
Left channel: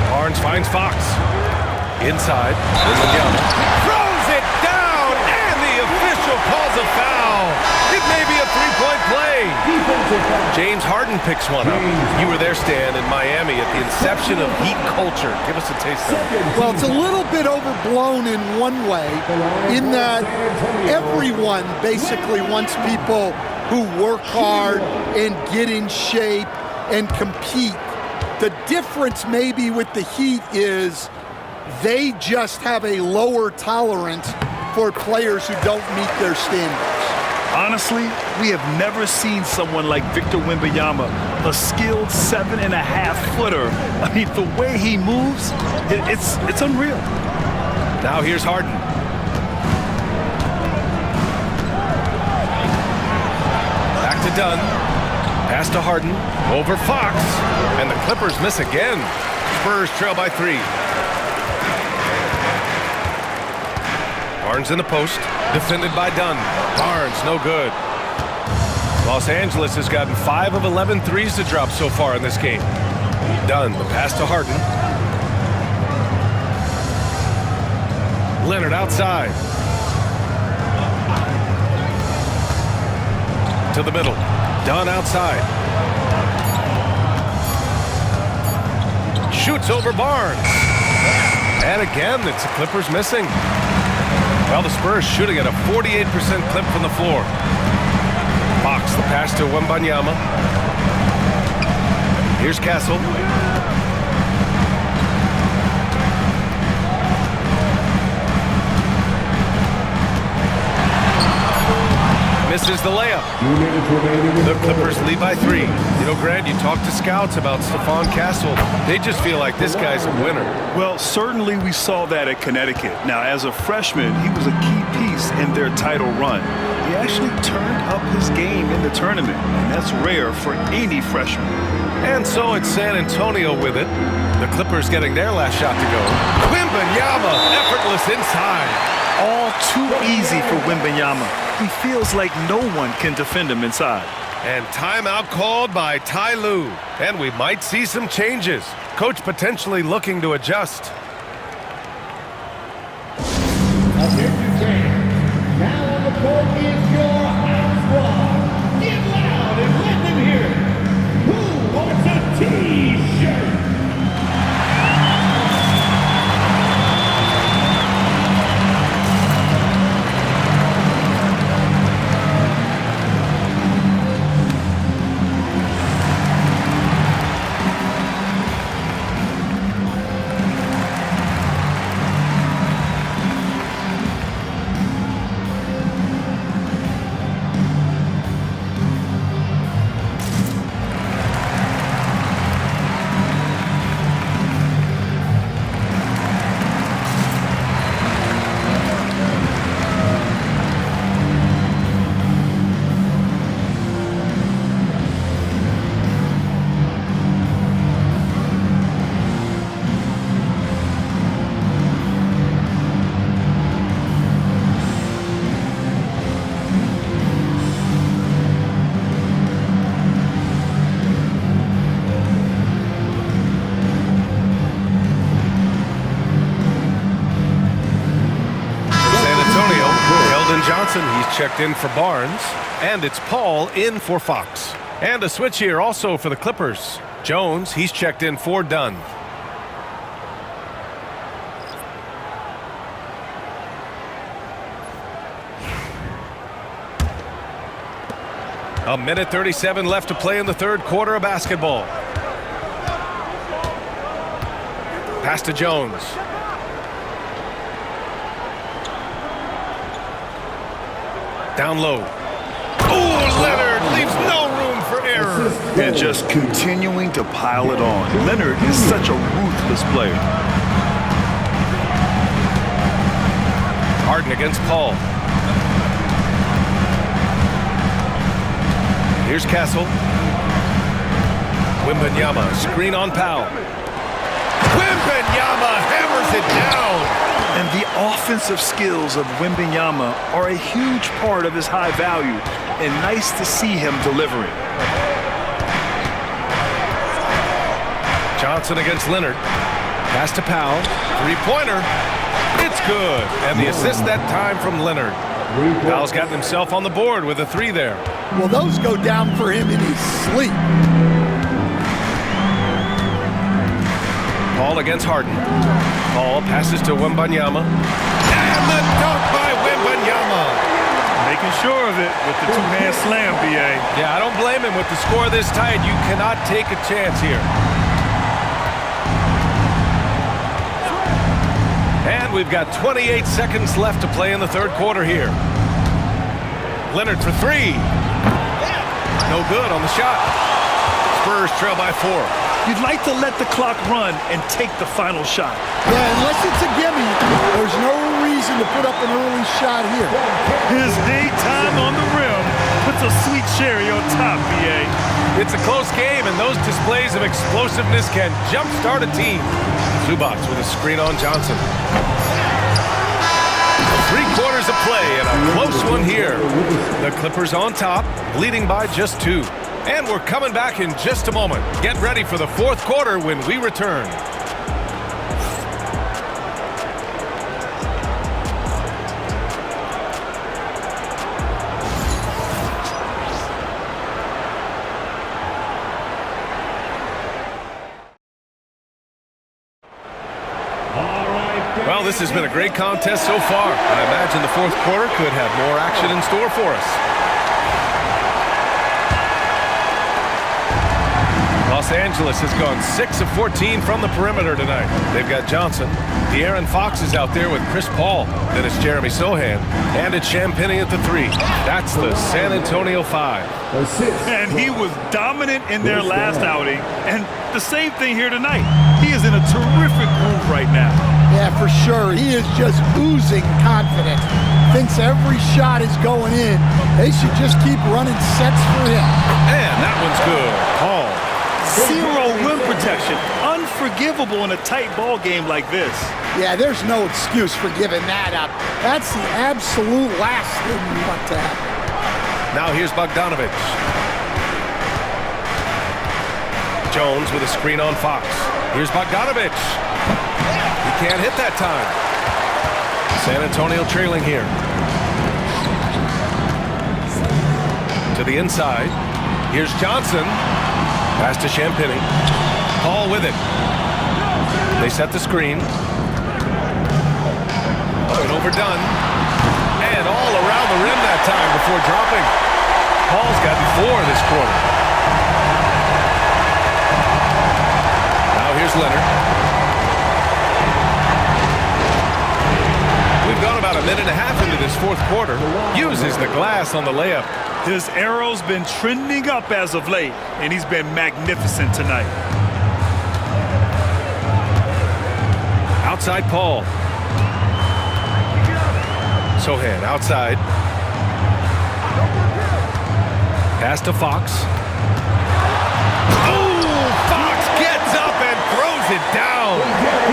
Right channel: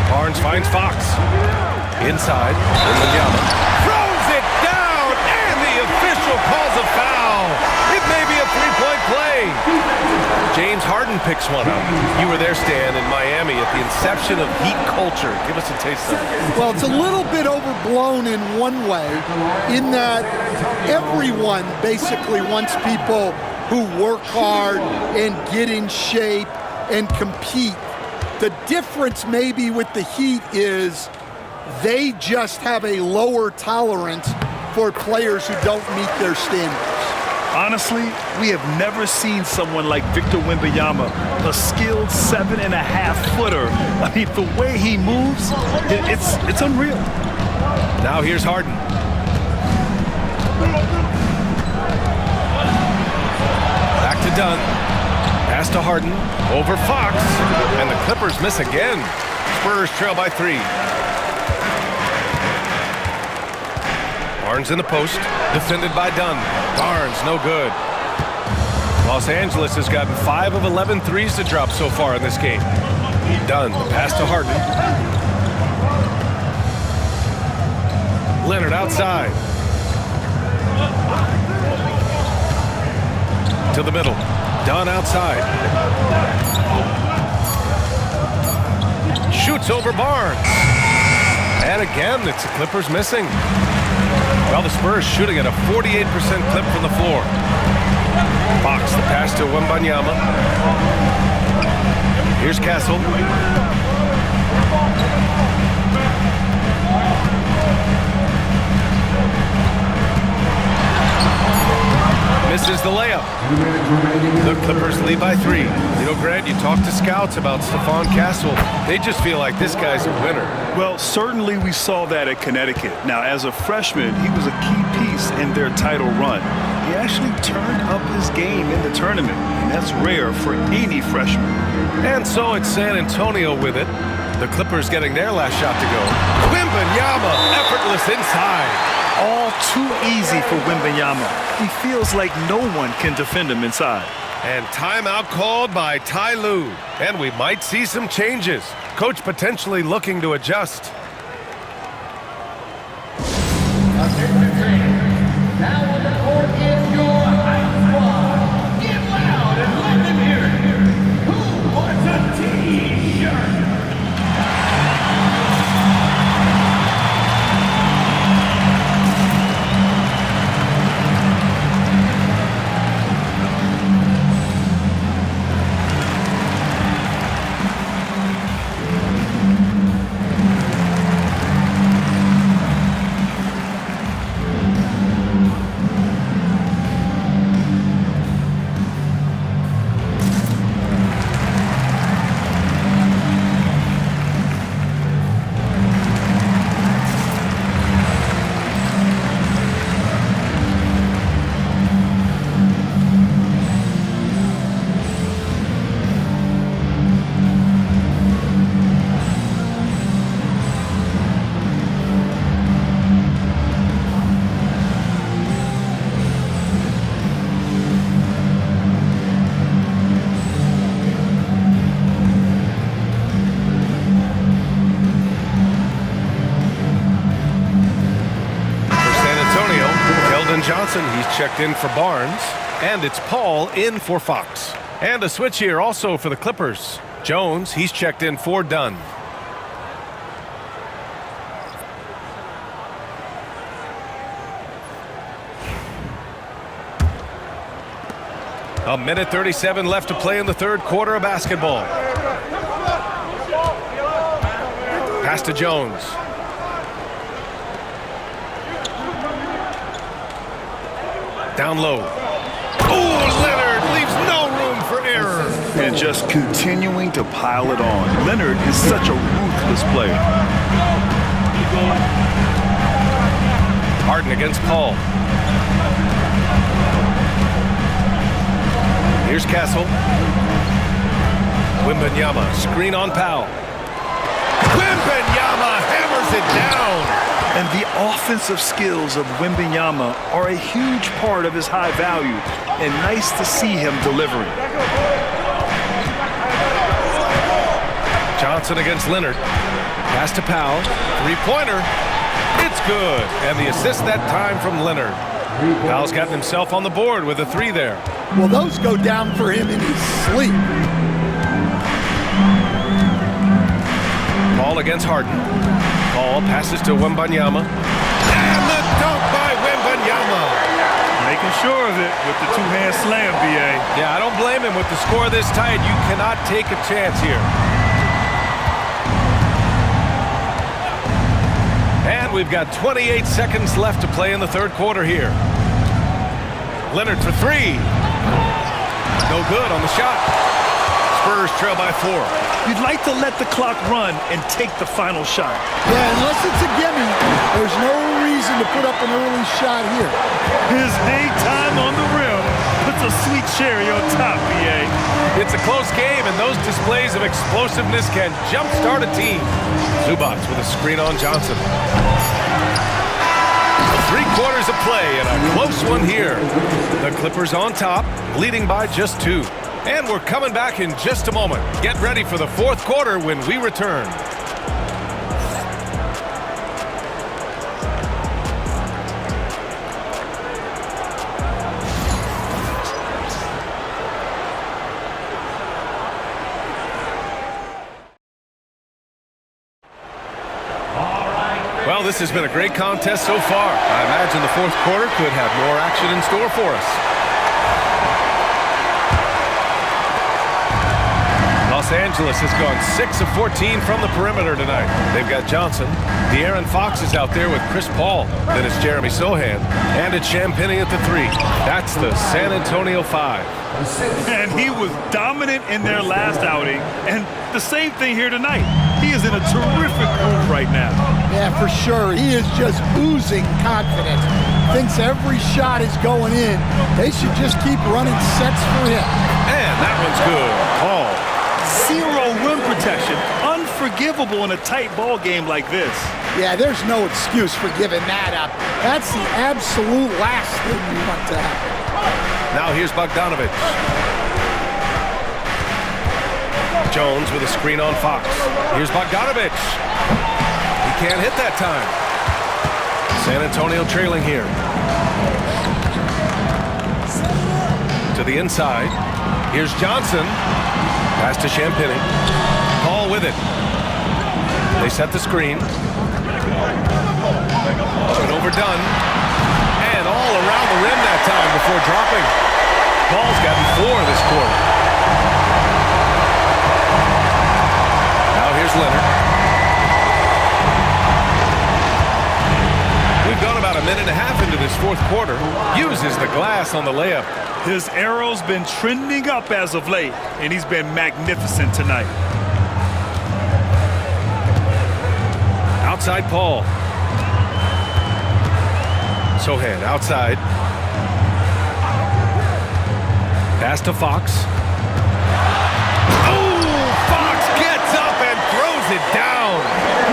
Barnes finds Fox. Inside. Wembanyama throws it down, and the official calls a foul. It may be a 3-point play. James Harden picks one up. You were there, Stan, in Miami at the inception of Heat culture. Give us a taste of it. Well, it's a little bit overblown in one way, in that everyone basically wants people who work hard and get in shape and compete. The difference maybe with the Heat is they just have a lower tolerance for players who don't meet their standards. Honestly, we have never seen someone like Victor Wembanyama, a skilled 7.5-footer. I mean, the way he moves, it's unreal. Now here's Harden. to Dunn. Pass to Harden. Over Fox. And the Clippers miss again. Spurs trail by 3. Barnes in the post. Defended by Dunn. Barnes, no good. Los Angeles has gotten 5 of 11 threes to drop so far in this game. Dunn, the pass to Harden. Leonard outside. To the middle. Dunn outside. Shoots over Barnes. And again, it's the Clippers missing. Well, the Spurs shooting at a 48% clip from the floor. Fox, the pass to Wembanyama. Here's Castle. Misses the layup. The Clippers lead by 3. You know, Grant, you talk to scouts about Stephon Castle. They just feel like this guy's a winner. Well, certainly we saw that at Connecticut. Now, as a freshman, he was a key piece in their title run. He actually turned up his game in the tournament, and that's rare for any freshman. And so it's San Antonio with it. The Clippers getting their last shot to go. Wembanyama, effortless inside. All too easy for Wembanyama. He feels like no one can defend him inside. And timeout called by Ty Lue. And we might see some changes. Coach potentially looking to adjust. Attention fans, now on the court is your high squad. Get loud and let them hear it. Who wants a T-shirt? Johnson, he's checked in for Barnes. And it's Paul in for Fox. And a switch here also for the Clippers. Jones, he's checked in for Dunn. A minute 37 left to play in the third quarter of basketball. Pass to Jones. Down low. Oh, Leonard leaves no room for error. And just continuing to pile it on. Leonard is such a ruthless player. Harden against Paul. Here's Castle. Wembanyama, screen on Powell. Wembanyama hammers it down. And the offensive skills of Wembanyama are a huge part of his high value, and nice to see him delivering. Johnson against Leonard. Pass to Powell. Three-pointer. It's good. And the assist that time from Leonard. Powell's gotten himself on the board with a 3 there. Well, those go down for him in his sleep. Paul against Harden. Paul passes to Wembanyama. And the dunk by Wembanyama. Making sure of it with the two-hand slam, B.A. Yeah, I don't blame him. With the score this tight, you cannot take a chance here. And we've got 28 seconds left to play in the third quarter here. Leonard for 3. No good on the shot. Spurs trail by 4. You'd like to let the clock run and take the final shot. Yeah, unless it's a gimme, there's no reason to put up an early shot here. His hang time on the rim puts a sweet cherry on top, B.A. It's a close game, and those displays of explosiveness can jumpstart a team. Zubac with a screen on Johnson. 3 quarters of play and a close one here. The Clippers on top, leading by just 2. And we're coming back in just a moment. Get ready for the 4th quarter when we return. Well, this has been a great contest so far. I imagine the 4th quarter could have more action in store for us. Los Angeles has gone 6 of 14 from the perimeter tonight. They've got Johnson. De'Aaron Fox is out there with Chris Paul. Then it's Jeremy Sohan. And it's Champagnie at the 3. That's the San Antonio 5. And he was dominant in their last outing. And the same thing here tonight. He is in a terrific groove right now. Yeah, for sure. He is just oozing confidence. Thinks every shot is going in. They should just keep running sets for him. And that one's good. Paul. 0 rim protection. Unforgivable in a tight ball game like this. Yeah, there's no excuse for giving that up. That's the absolute last thing you want to happen. Now here's Bogdanovic. Jones with a screen on Fox. Here's Bogdanovic. He can't hit that time. San Antonio trailing here. To the inside. Here's Johnson. Pass to Champagnie. Paul with it. They set the screen. Up and overdone. And all around the rim that time before dropping. Paul's gotten 4 this quarter. Now here's Leonard. We've gone about a minute and a half into this 4th quarter. Uses the glass on the layup. His arrow's been trending up as of late, and he's been magnificent tonight. Outside Paul. Sohan outside. Pass to Fox. Oh, Fox gets up and throws it down.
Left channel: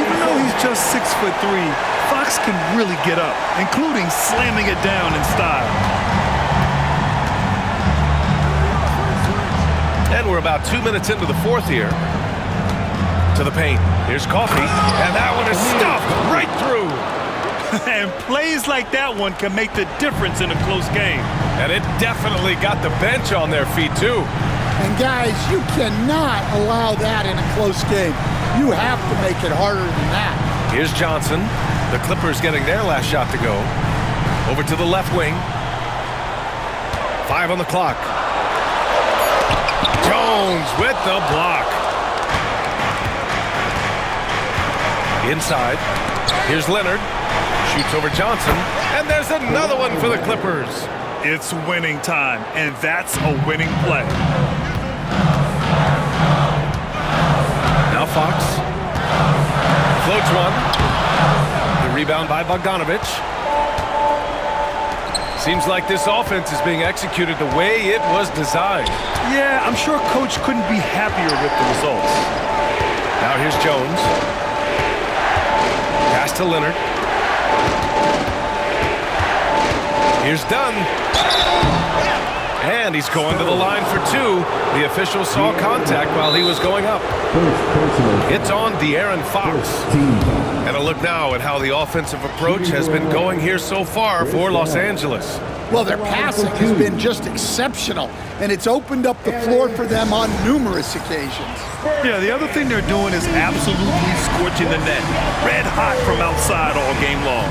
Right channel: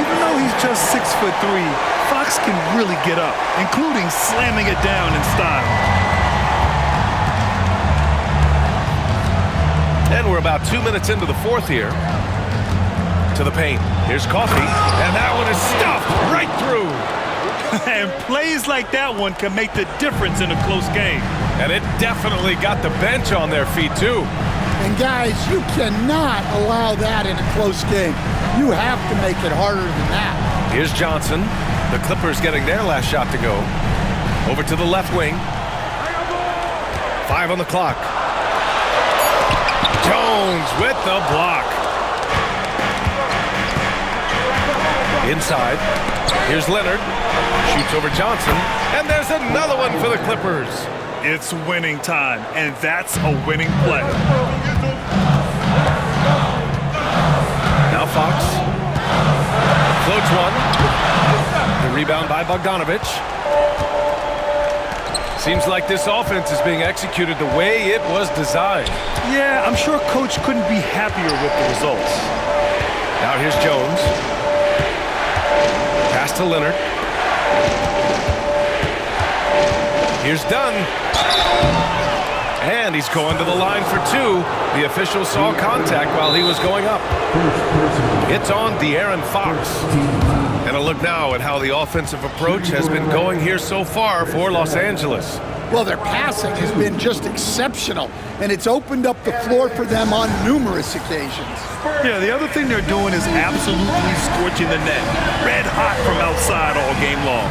Even though he's just 6'3", Fox can really get up, including slamming it down in style. And we're about 2 minutes into the 4th here. To the paint. Here's Coffey. And that one is stuffed right through. And plays like that one can make the difference in a close game. And it definitely got the bench on their feet, too. And guys, you cannot allow that in a close game. You have to make it harder than that. Here's Johnson. The Clippers getting their last shot to go. Over to the left wing. 5 on the clock. Jones with the block. Inside. Here's Leonard. Shoots over Johnson. And there's another one for the Clippers. It's winning time, and that's a winning play. Now Fox. Floats one. The rebound by Bogdanovic. Seems like this offense is being executed the way it was designed. Yeah, I'm sure Coach couldn't be happier with the results. Now here's Jones. Pass to Leonard. Here's Dunn. And he's going to the line for 2. The official saw contact while he was going up. It's on De'Aaron Fox. And a look now at how the offensive approach has been going here so far for Los Angeles. Well, their passing has been just exceptional, and it's opened up the floor for them on numerous occasions. Yeah, the other thing they're doing is absolutely scorching the net. Red hot from outside all game long.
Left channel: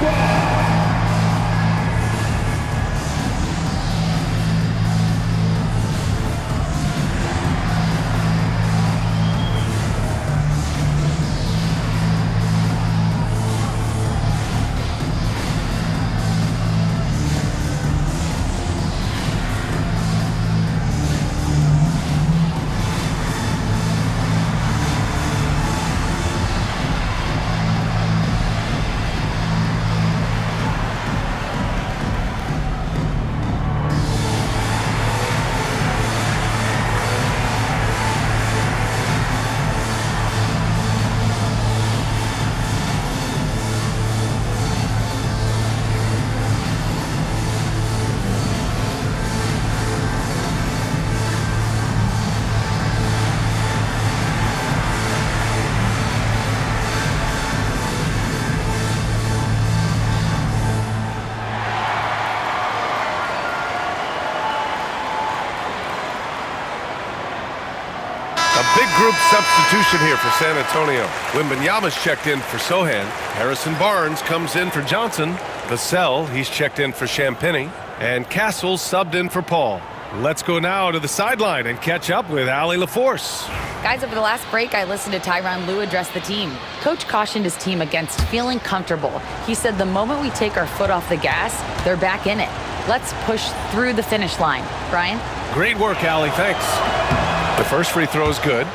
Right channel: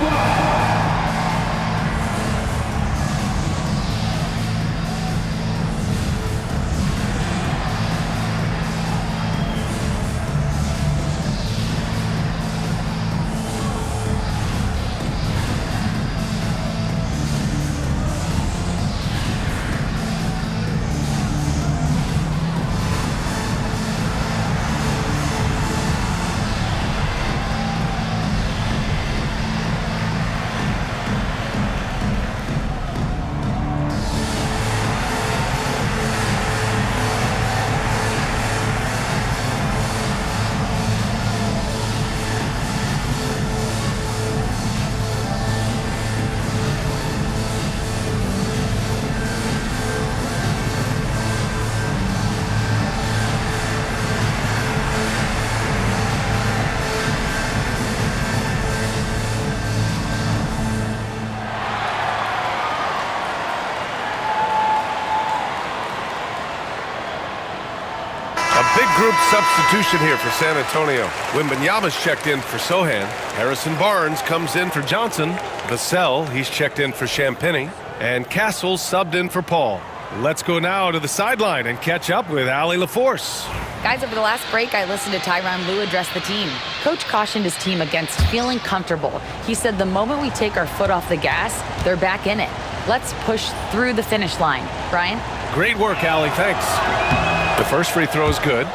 A big group substitution here for San Antonio. Wembanyama's checked in for Sohan. Harrison Barnes comes in for Johnson. Vassell, he's checked in for Champagny. And Castle's subbed in for Paul. Let's go now to the sideline and catch up with Allie LaForce. Guys, over the last break, I listened to Tyronn Lue address the team. Coach cautioned his team against feeling comfortable. He said the moment we take our foot off the gas, they're back in it. Let's push through the finish line. Brian? Great work, Allie. Thanks. The first free throw is good.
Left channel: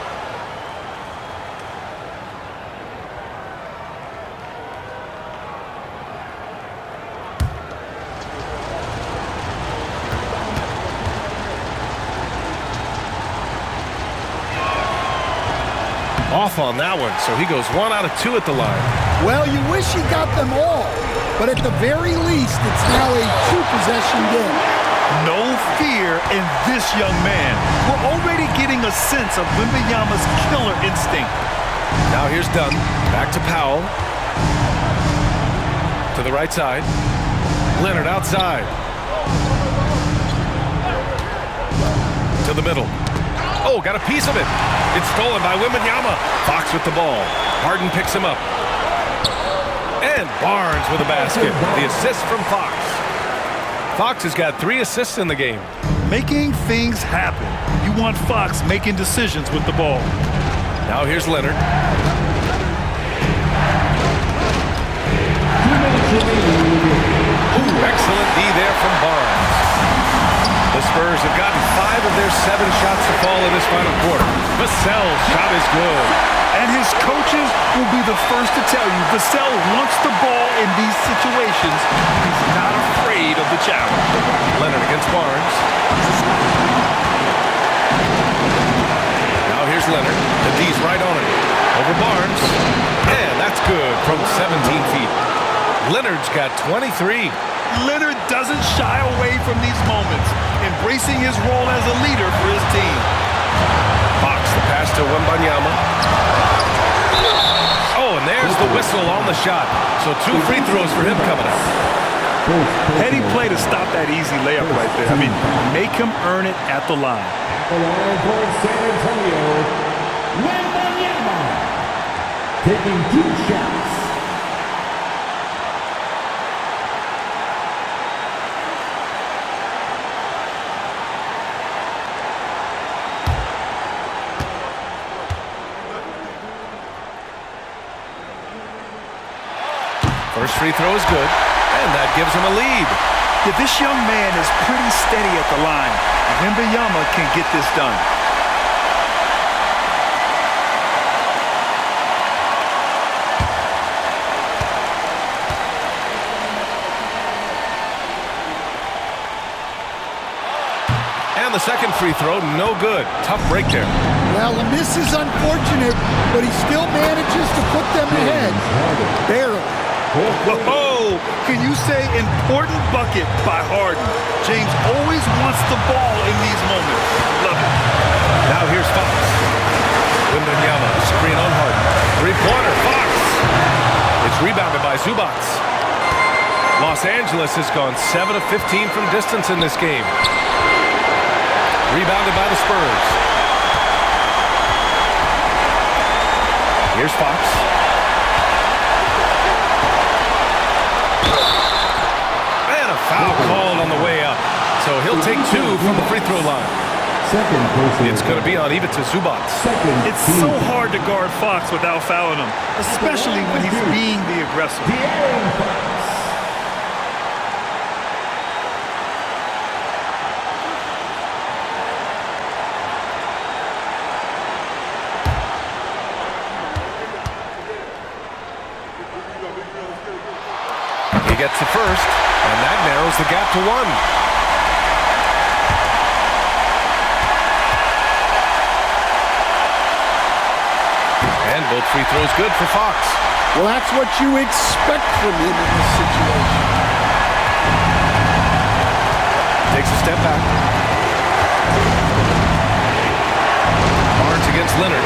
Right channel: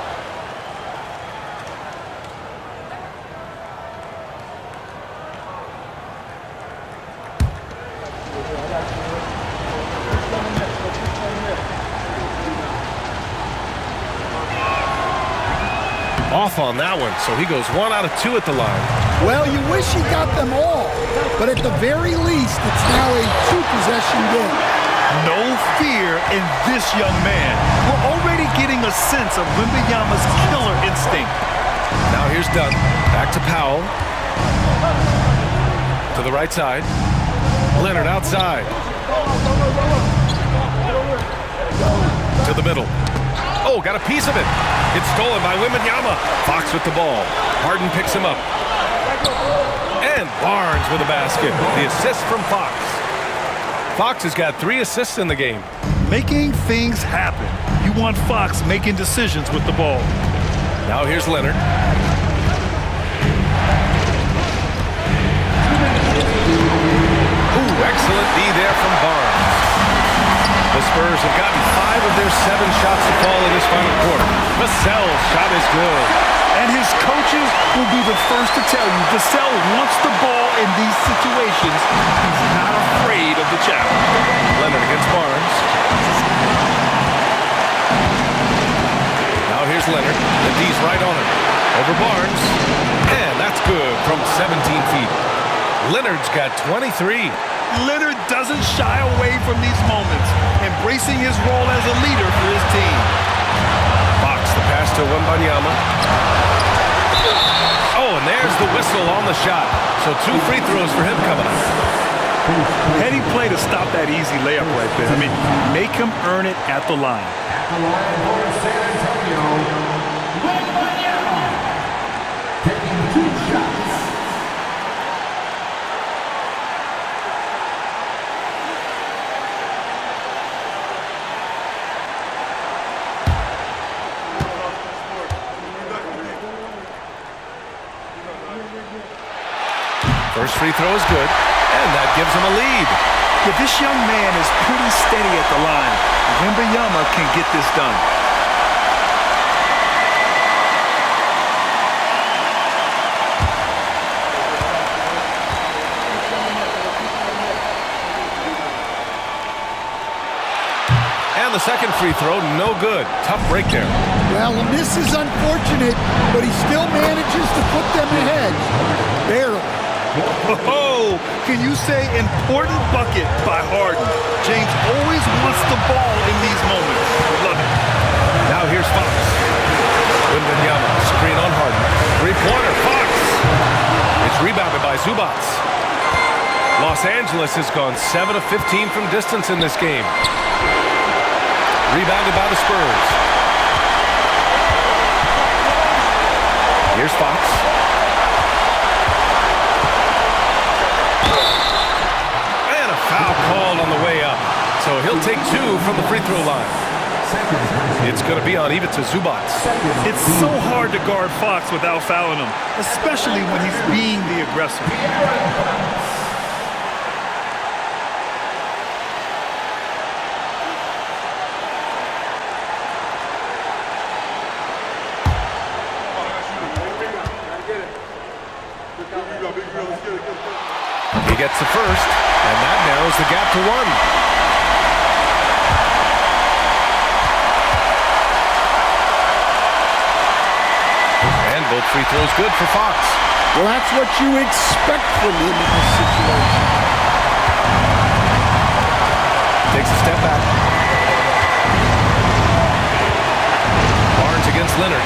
Off on that one, so he goes 1 out of 2 at the line. Well, you wish he got them all, but at the very least, it's now a 2-possession game. No fear in this young man. We're already getting a sense of Wembanyama's killer instinct. Now here's Dunn. Back to Powell. To the right side. Leonard outside. To the middle. Oh, got a piece of it. It's stolen by Wembanyama. Fox with the ball. Harden picks him up. And Barnes with a basket. The assist from Fox. Fox has got 3 assists in the game. Making things happen. You want Fox making decisions with the ball. Now here's Leonard. Ooh, excellent D there from Barnes. The Spurs have gotten 5 of their 7 shots to fall in this final quarter. Vassell's shot is good. And his coaches will be the first to tell you Vassell wants the ball in these situations. He's not afraid of the challenge. Leonard against Barnes. Now here's Leonard. The D's right on him. Over Barnes. And that's good from 17 feet. Leonard's got 23. Leonard doesn't shy away from these moments, embracing his role as a leader for his team. Fox, the pass to Wembanyama. Oh, and there's the whistle on the shot. So 2 free throws for him coming up. Heady play to stop that easy layup right there. I mean, make him earn it at the line. At the line for San Antonio, Wembanyama taking 2 shots. First free throw is good, and that gives him a lead. Yeah, this young man is pretty steady at the line. Wembanyama can get this done. And the second free throw, no good. Tough break there. Well, the miss is unfortunate, but he still manages to put them ahead. Barely. Oh, can you say important bucket by Harden? James always wants the ball in these moments. Love it. Now here's Fox. Wembanyama, screen on Harden. 3-pointer, Fox. It's rebounded by Zubac. Los Angeles has gone 7 of 15 from distance in this game. Rebounded by the Spurs. Here's Fox. And a foul called on the way up. So he'll take 2 from the free throw line. It's going to be on Ivica Zubac. It's so hard to guard Fox without fouling him, especially when he's being the aggressor. He gets the first, and that narrows the gap to 1. And both free throws good for Fox. Well, that's what you expect from him in this situation. Takes a step back. Barnes against Leonard.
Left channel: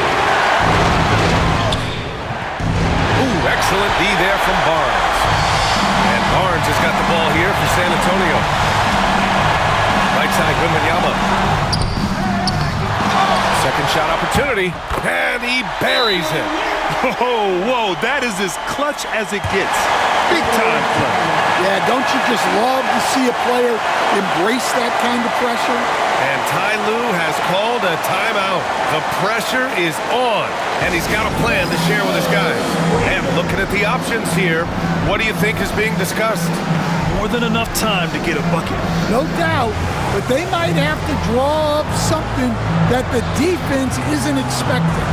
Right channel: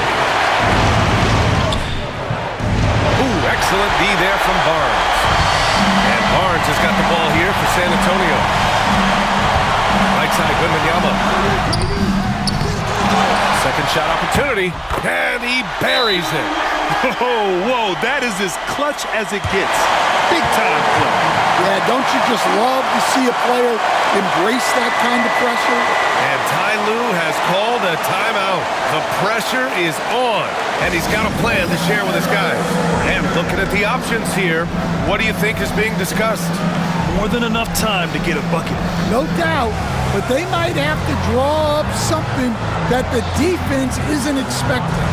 Ooh, excellent D there from Barnes. And Barnes has got the ball here for San Antonio. Right side, Wembanyama. Second shot opportunity, and he buries it. Oh, whoa, that is as clutch as it gets. Big time play. Yeah, don't you just love to see a player embrace that kind of pressure? And Ty Lue has called a timeout. The pressure is on, and he's got a plan to share with his guys. And looking at the options here, what do you think is being discussed? More than enough time to get a bucket. No doubt, but they might have to draw up something that the defense isn't expecting.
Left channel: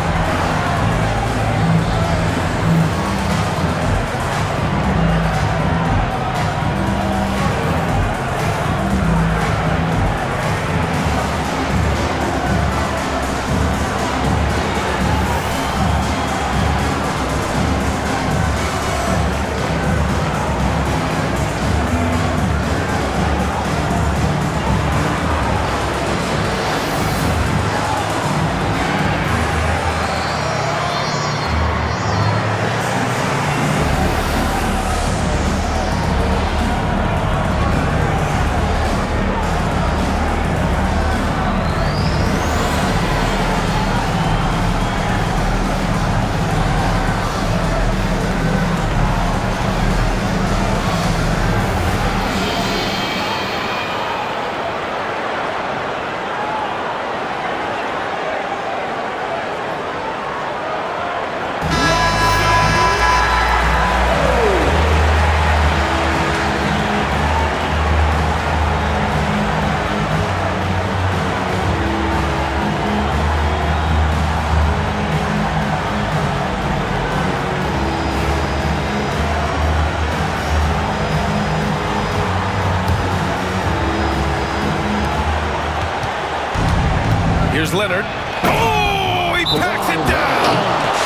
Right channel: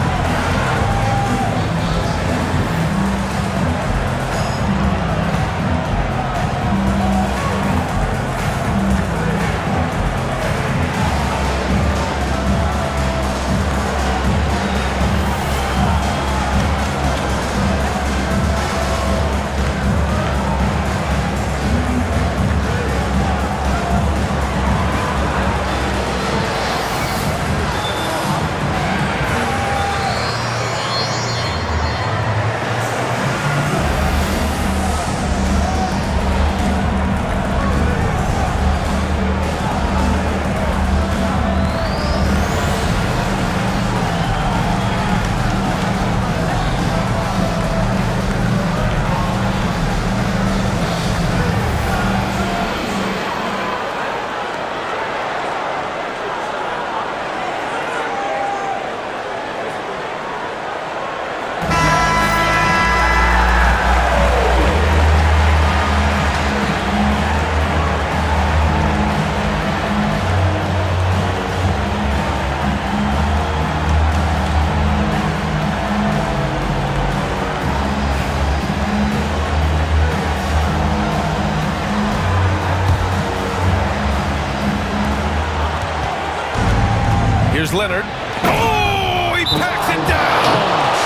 Here's Leonard. Oh, he packs it down.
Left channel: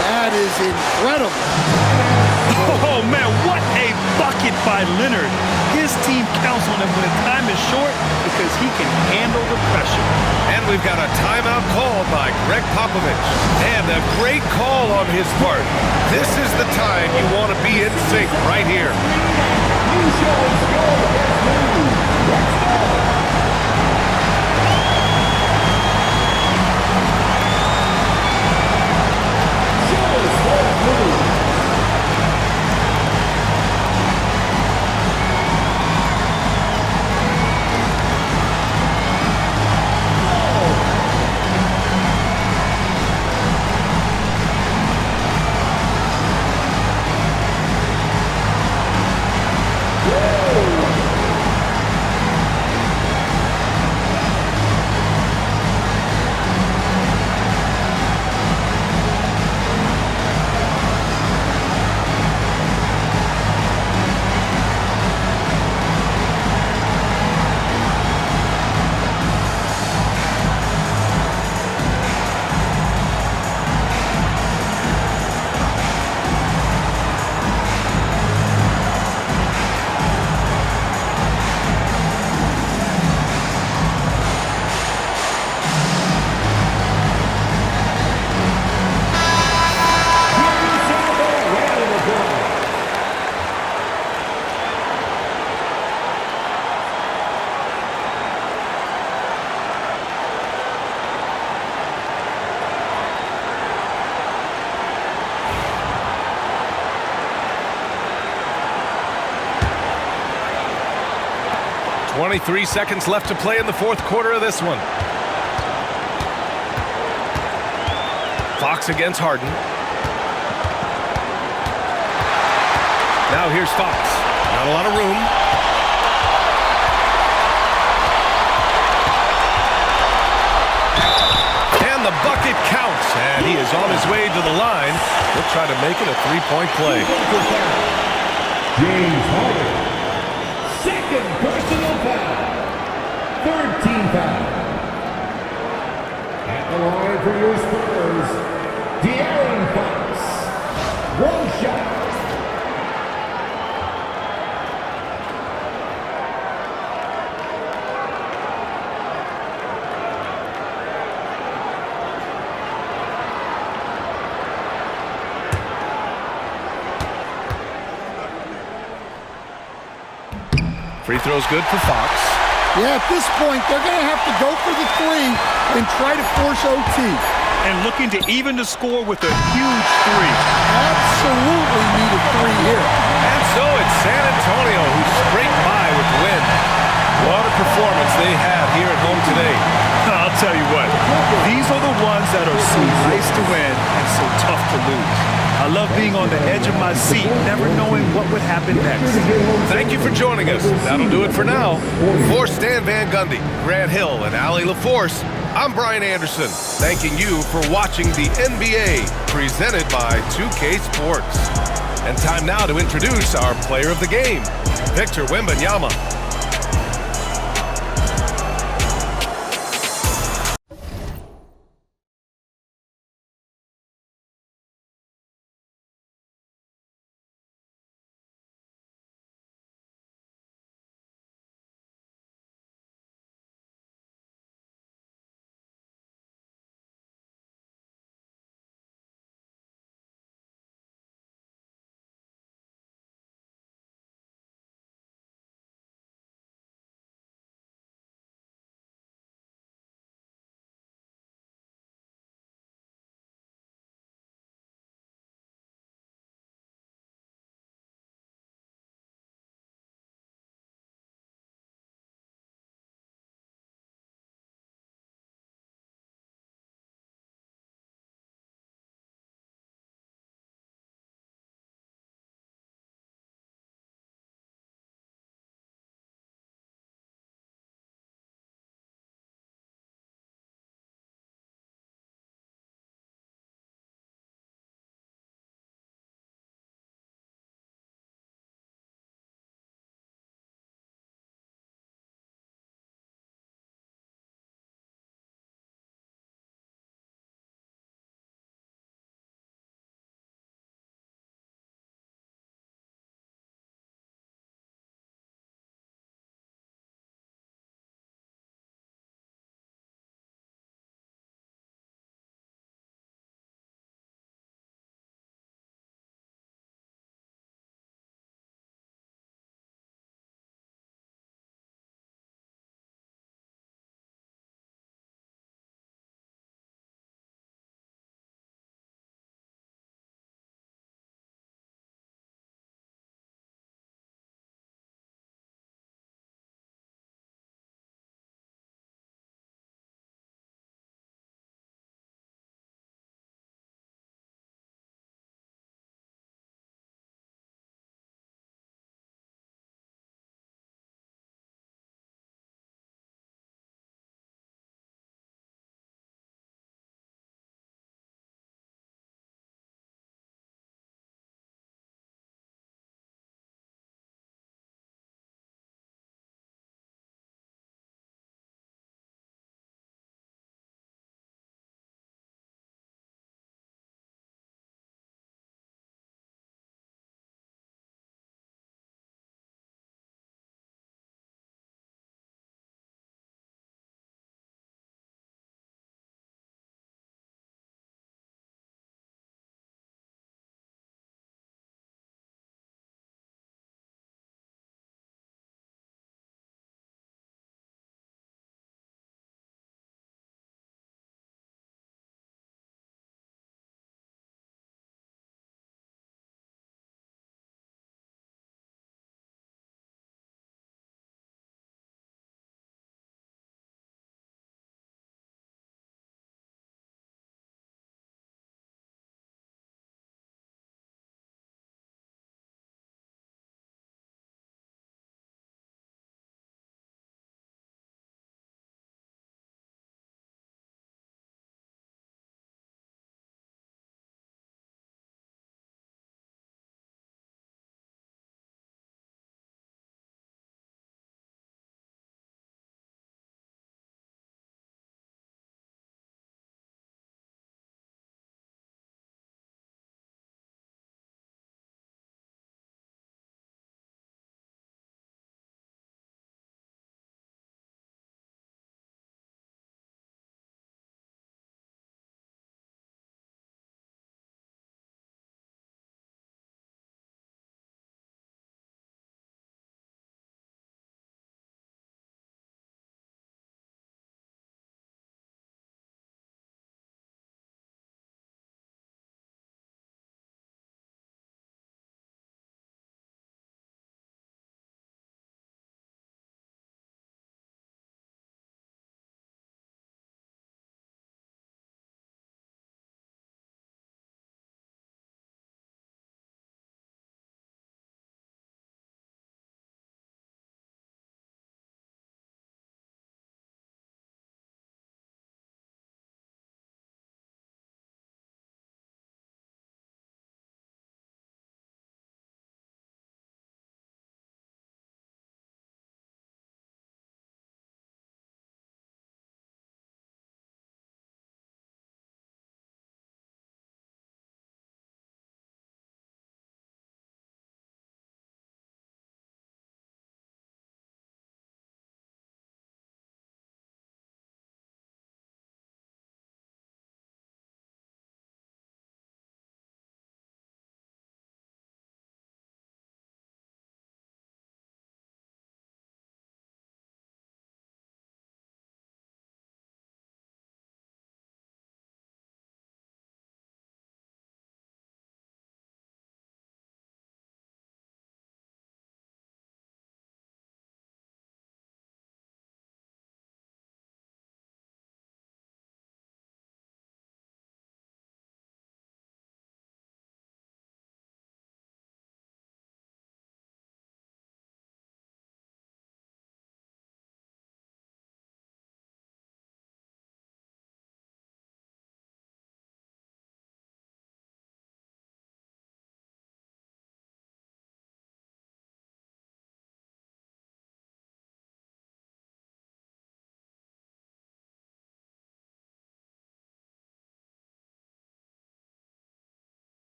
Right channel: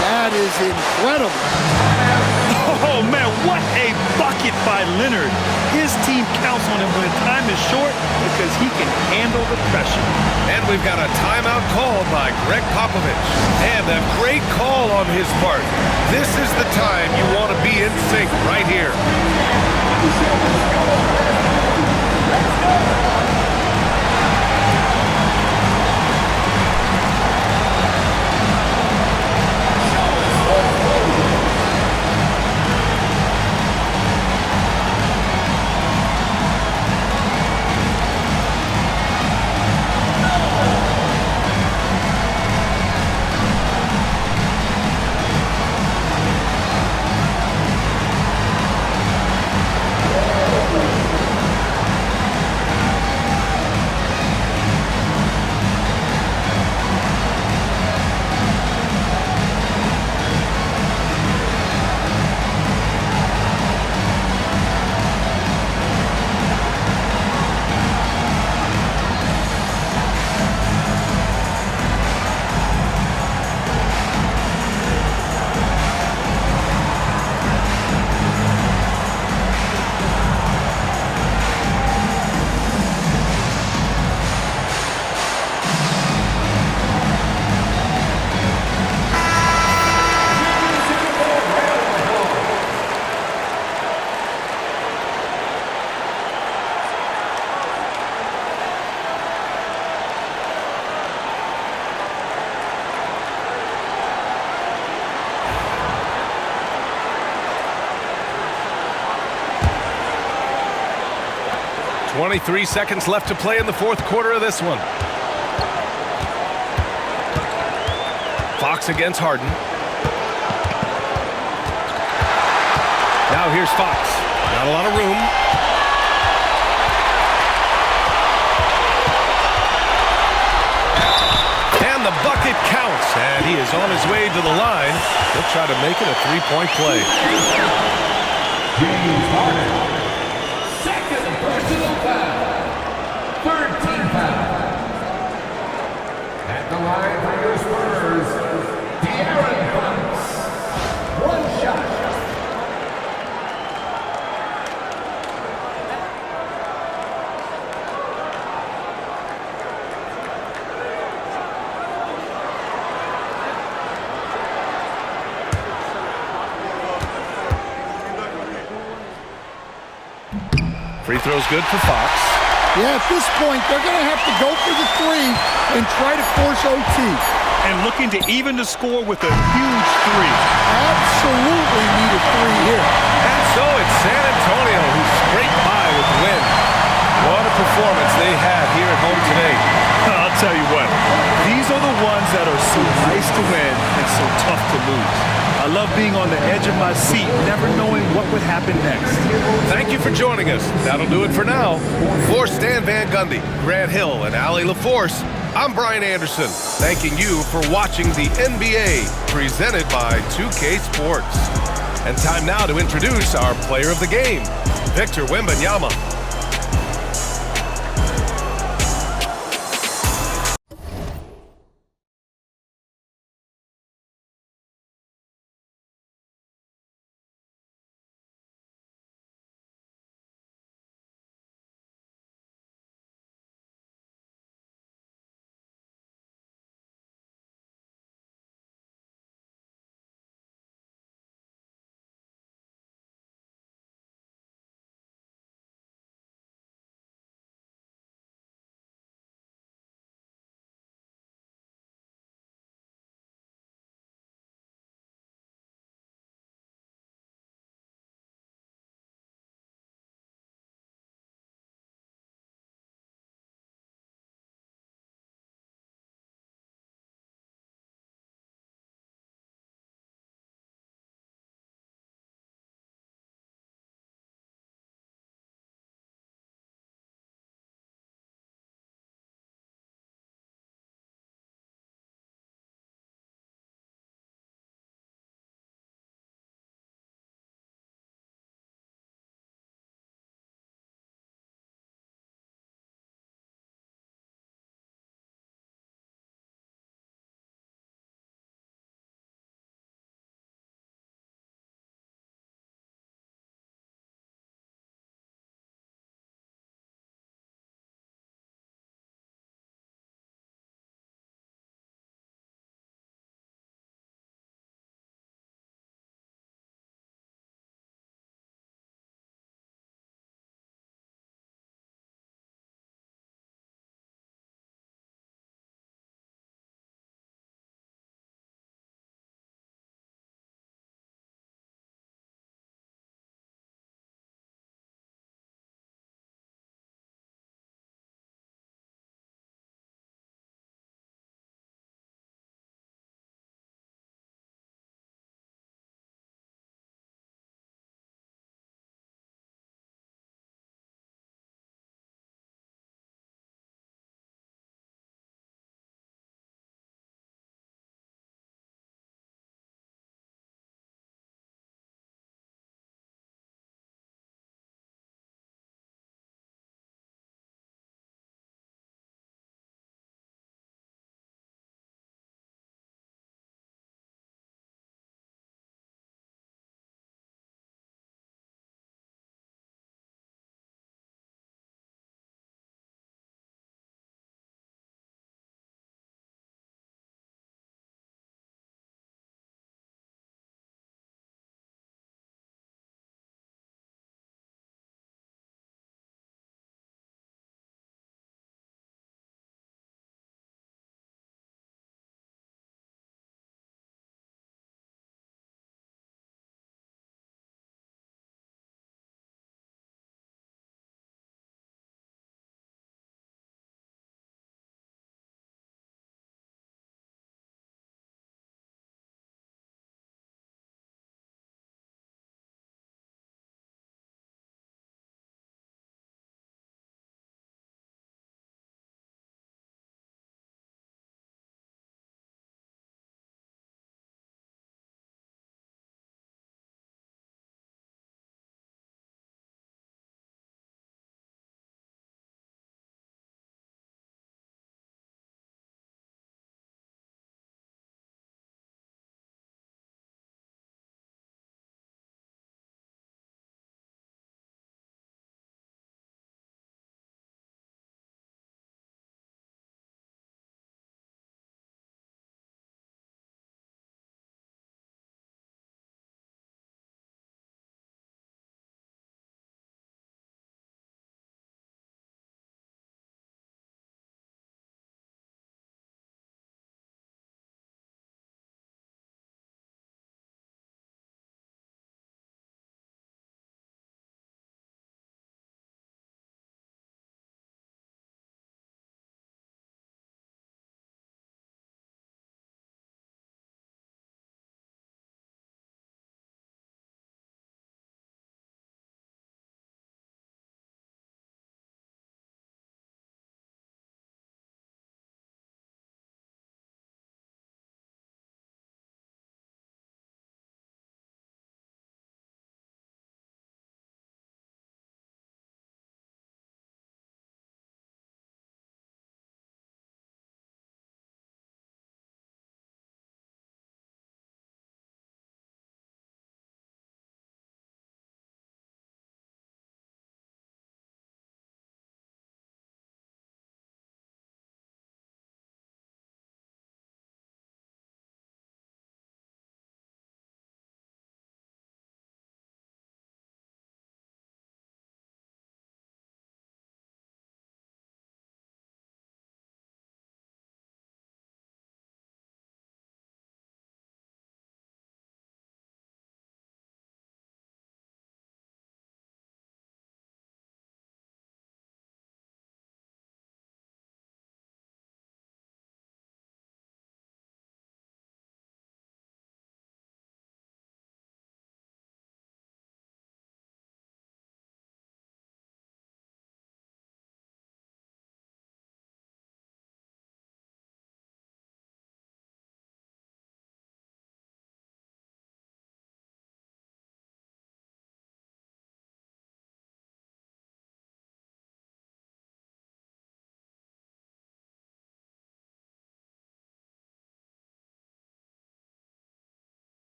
That is incredible. Oh, man, what a bucket by Leonard. His team counts on him when time is short because he can handle the pressure. And we've got a timeout called by Greg Popovich. And a great call on his part. This is the time you want to be in sync right here. .23 seconds left to play in the fourth quarter of this one. Fox against Harden. Now here's Fox. Not a lot of room. And the bucket counts. And he is on his way to the line. He'll try to make it a three-point play. James Harden. Second personal foul. Third team foul. At the line for your Spurs, De'Aaron Fox. One shot. Free throw's good for Fox. Yeah, at this point, they're going to have to go for the three and try to force OT. And looking to even the score with a huge three. Absolutely need a three here. And so it's San Antonio who scraped by with the win. What a performance they had here at home today. I'll tell you what, these are the ones that are so nice to win and so tough to lose. I love being on the edge of my seat, never knowing what would happen next. Thank you for joining us. That'll do it for now. For Stan Van Gundy, Grant Hill, and Allie LaForce, I'm Brian Anderson, thanking you for watching the NBA presented by 2K Sports. And time now to introduce our player of the game, Victor Wembanyama.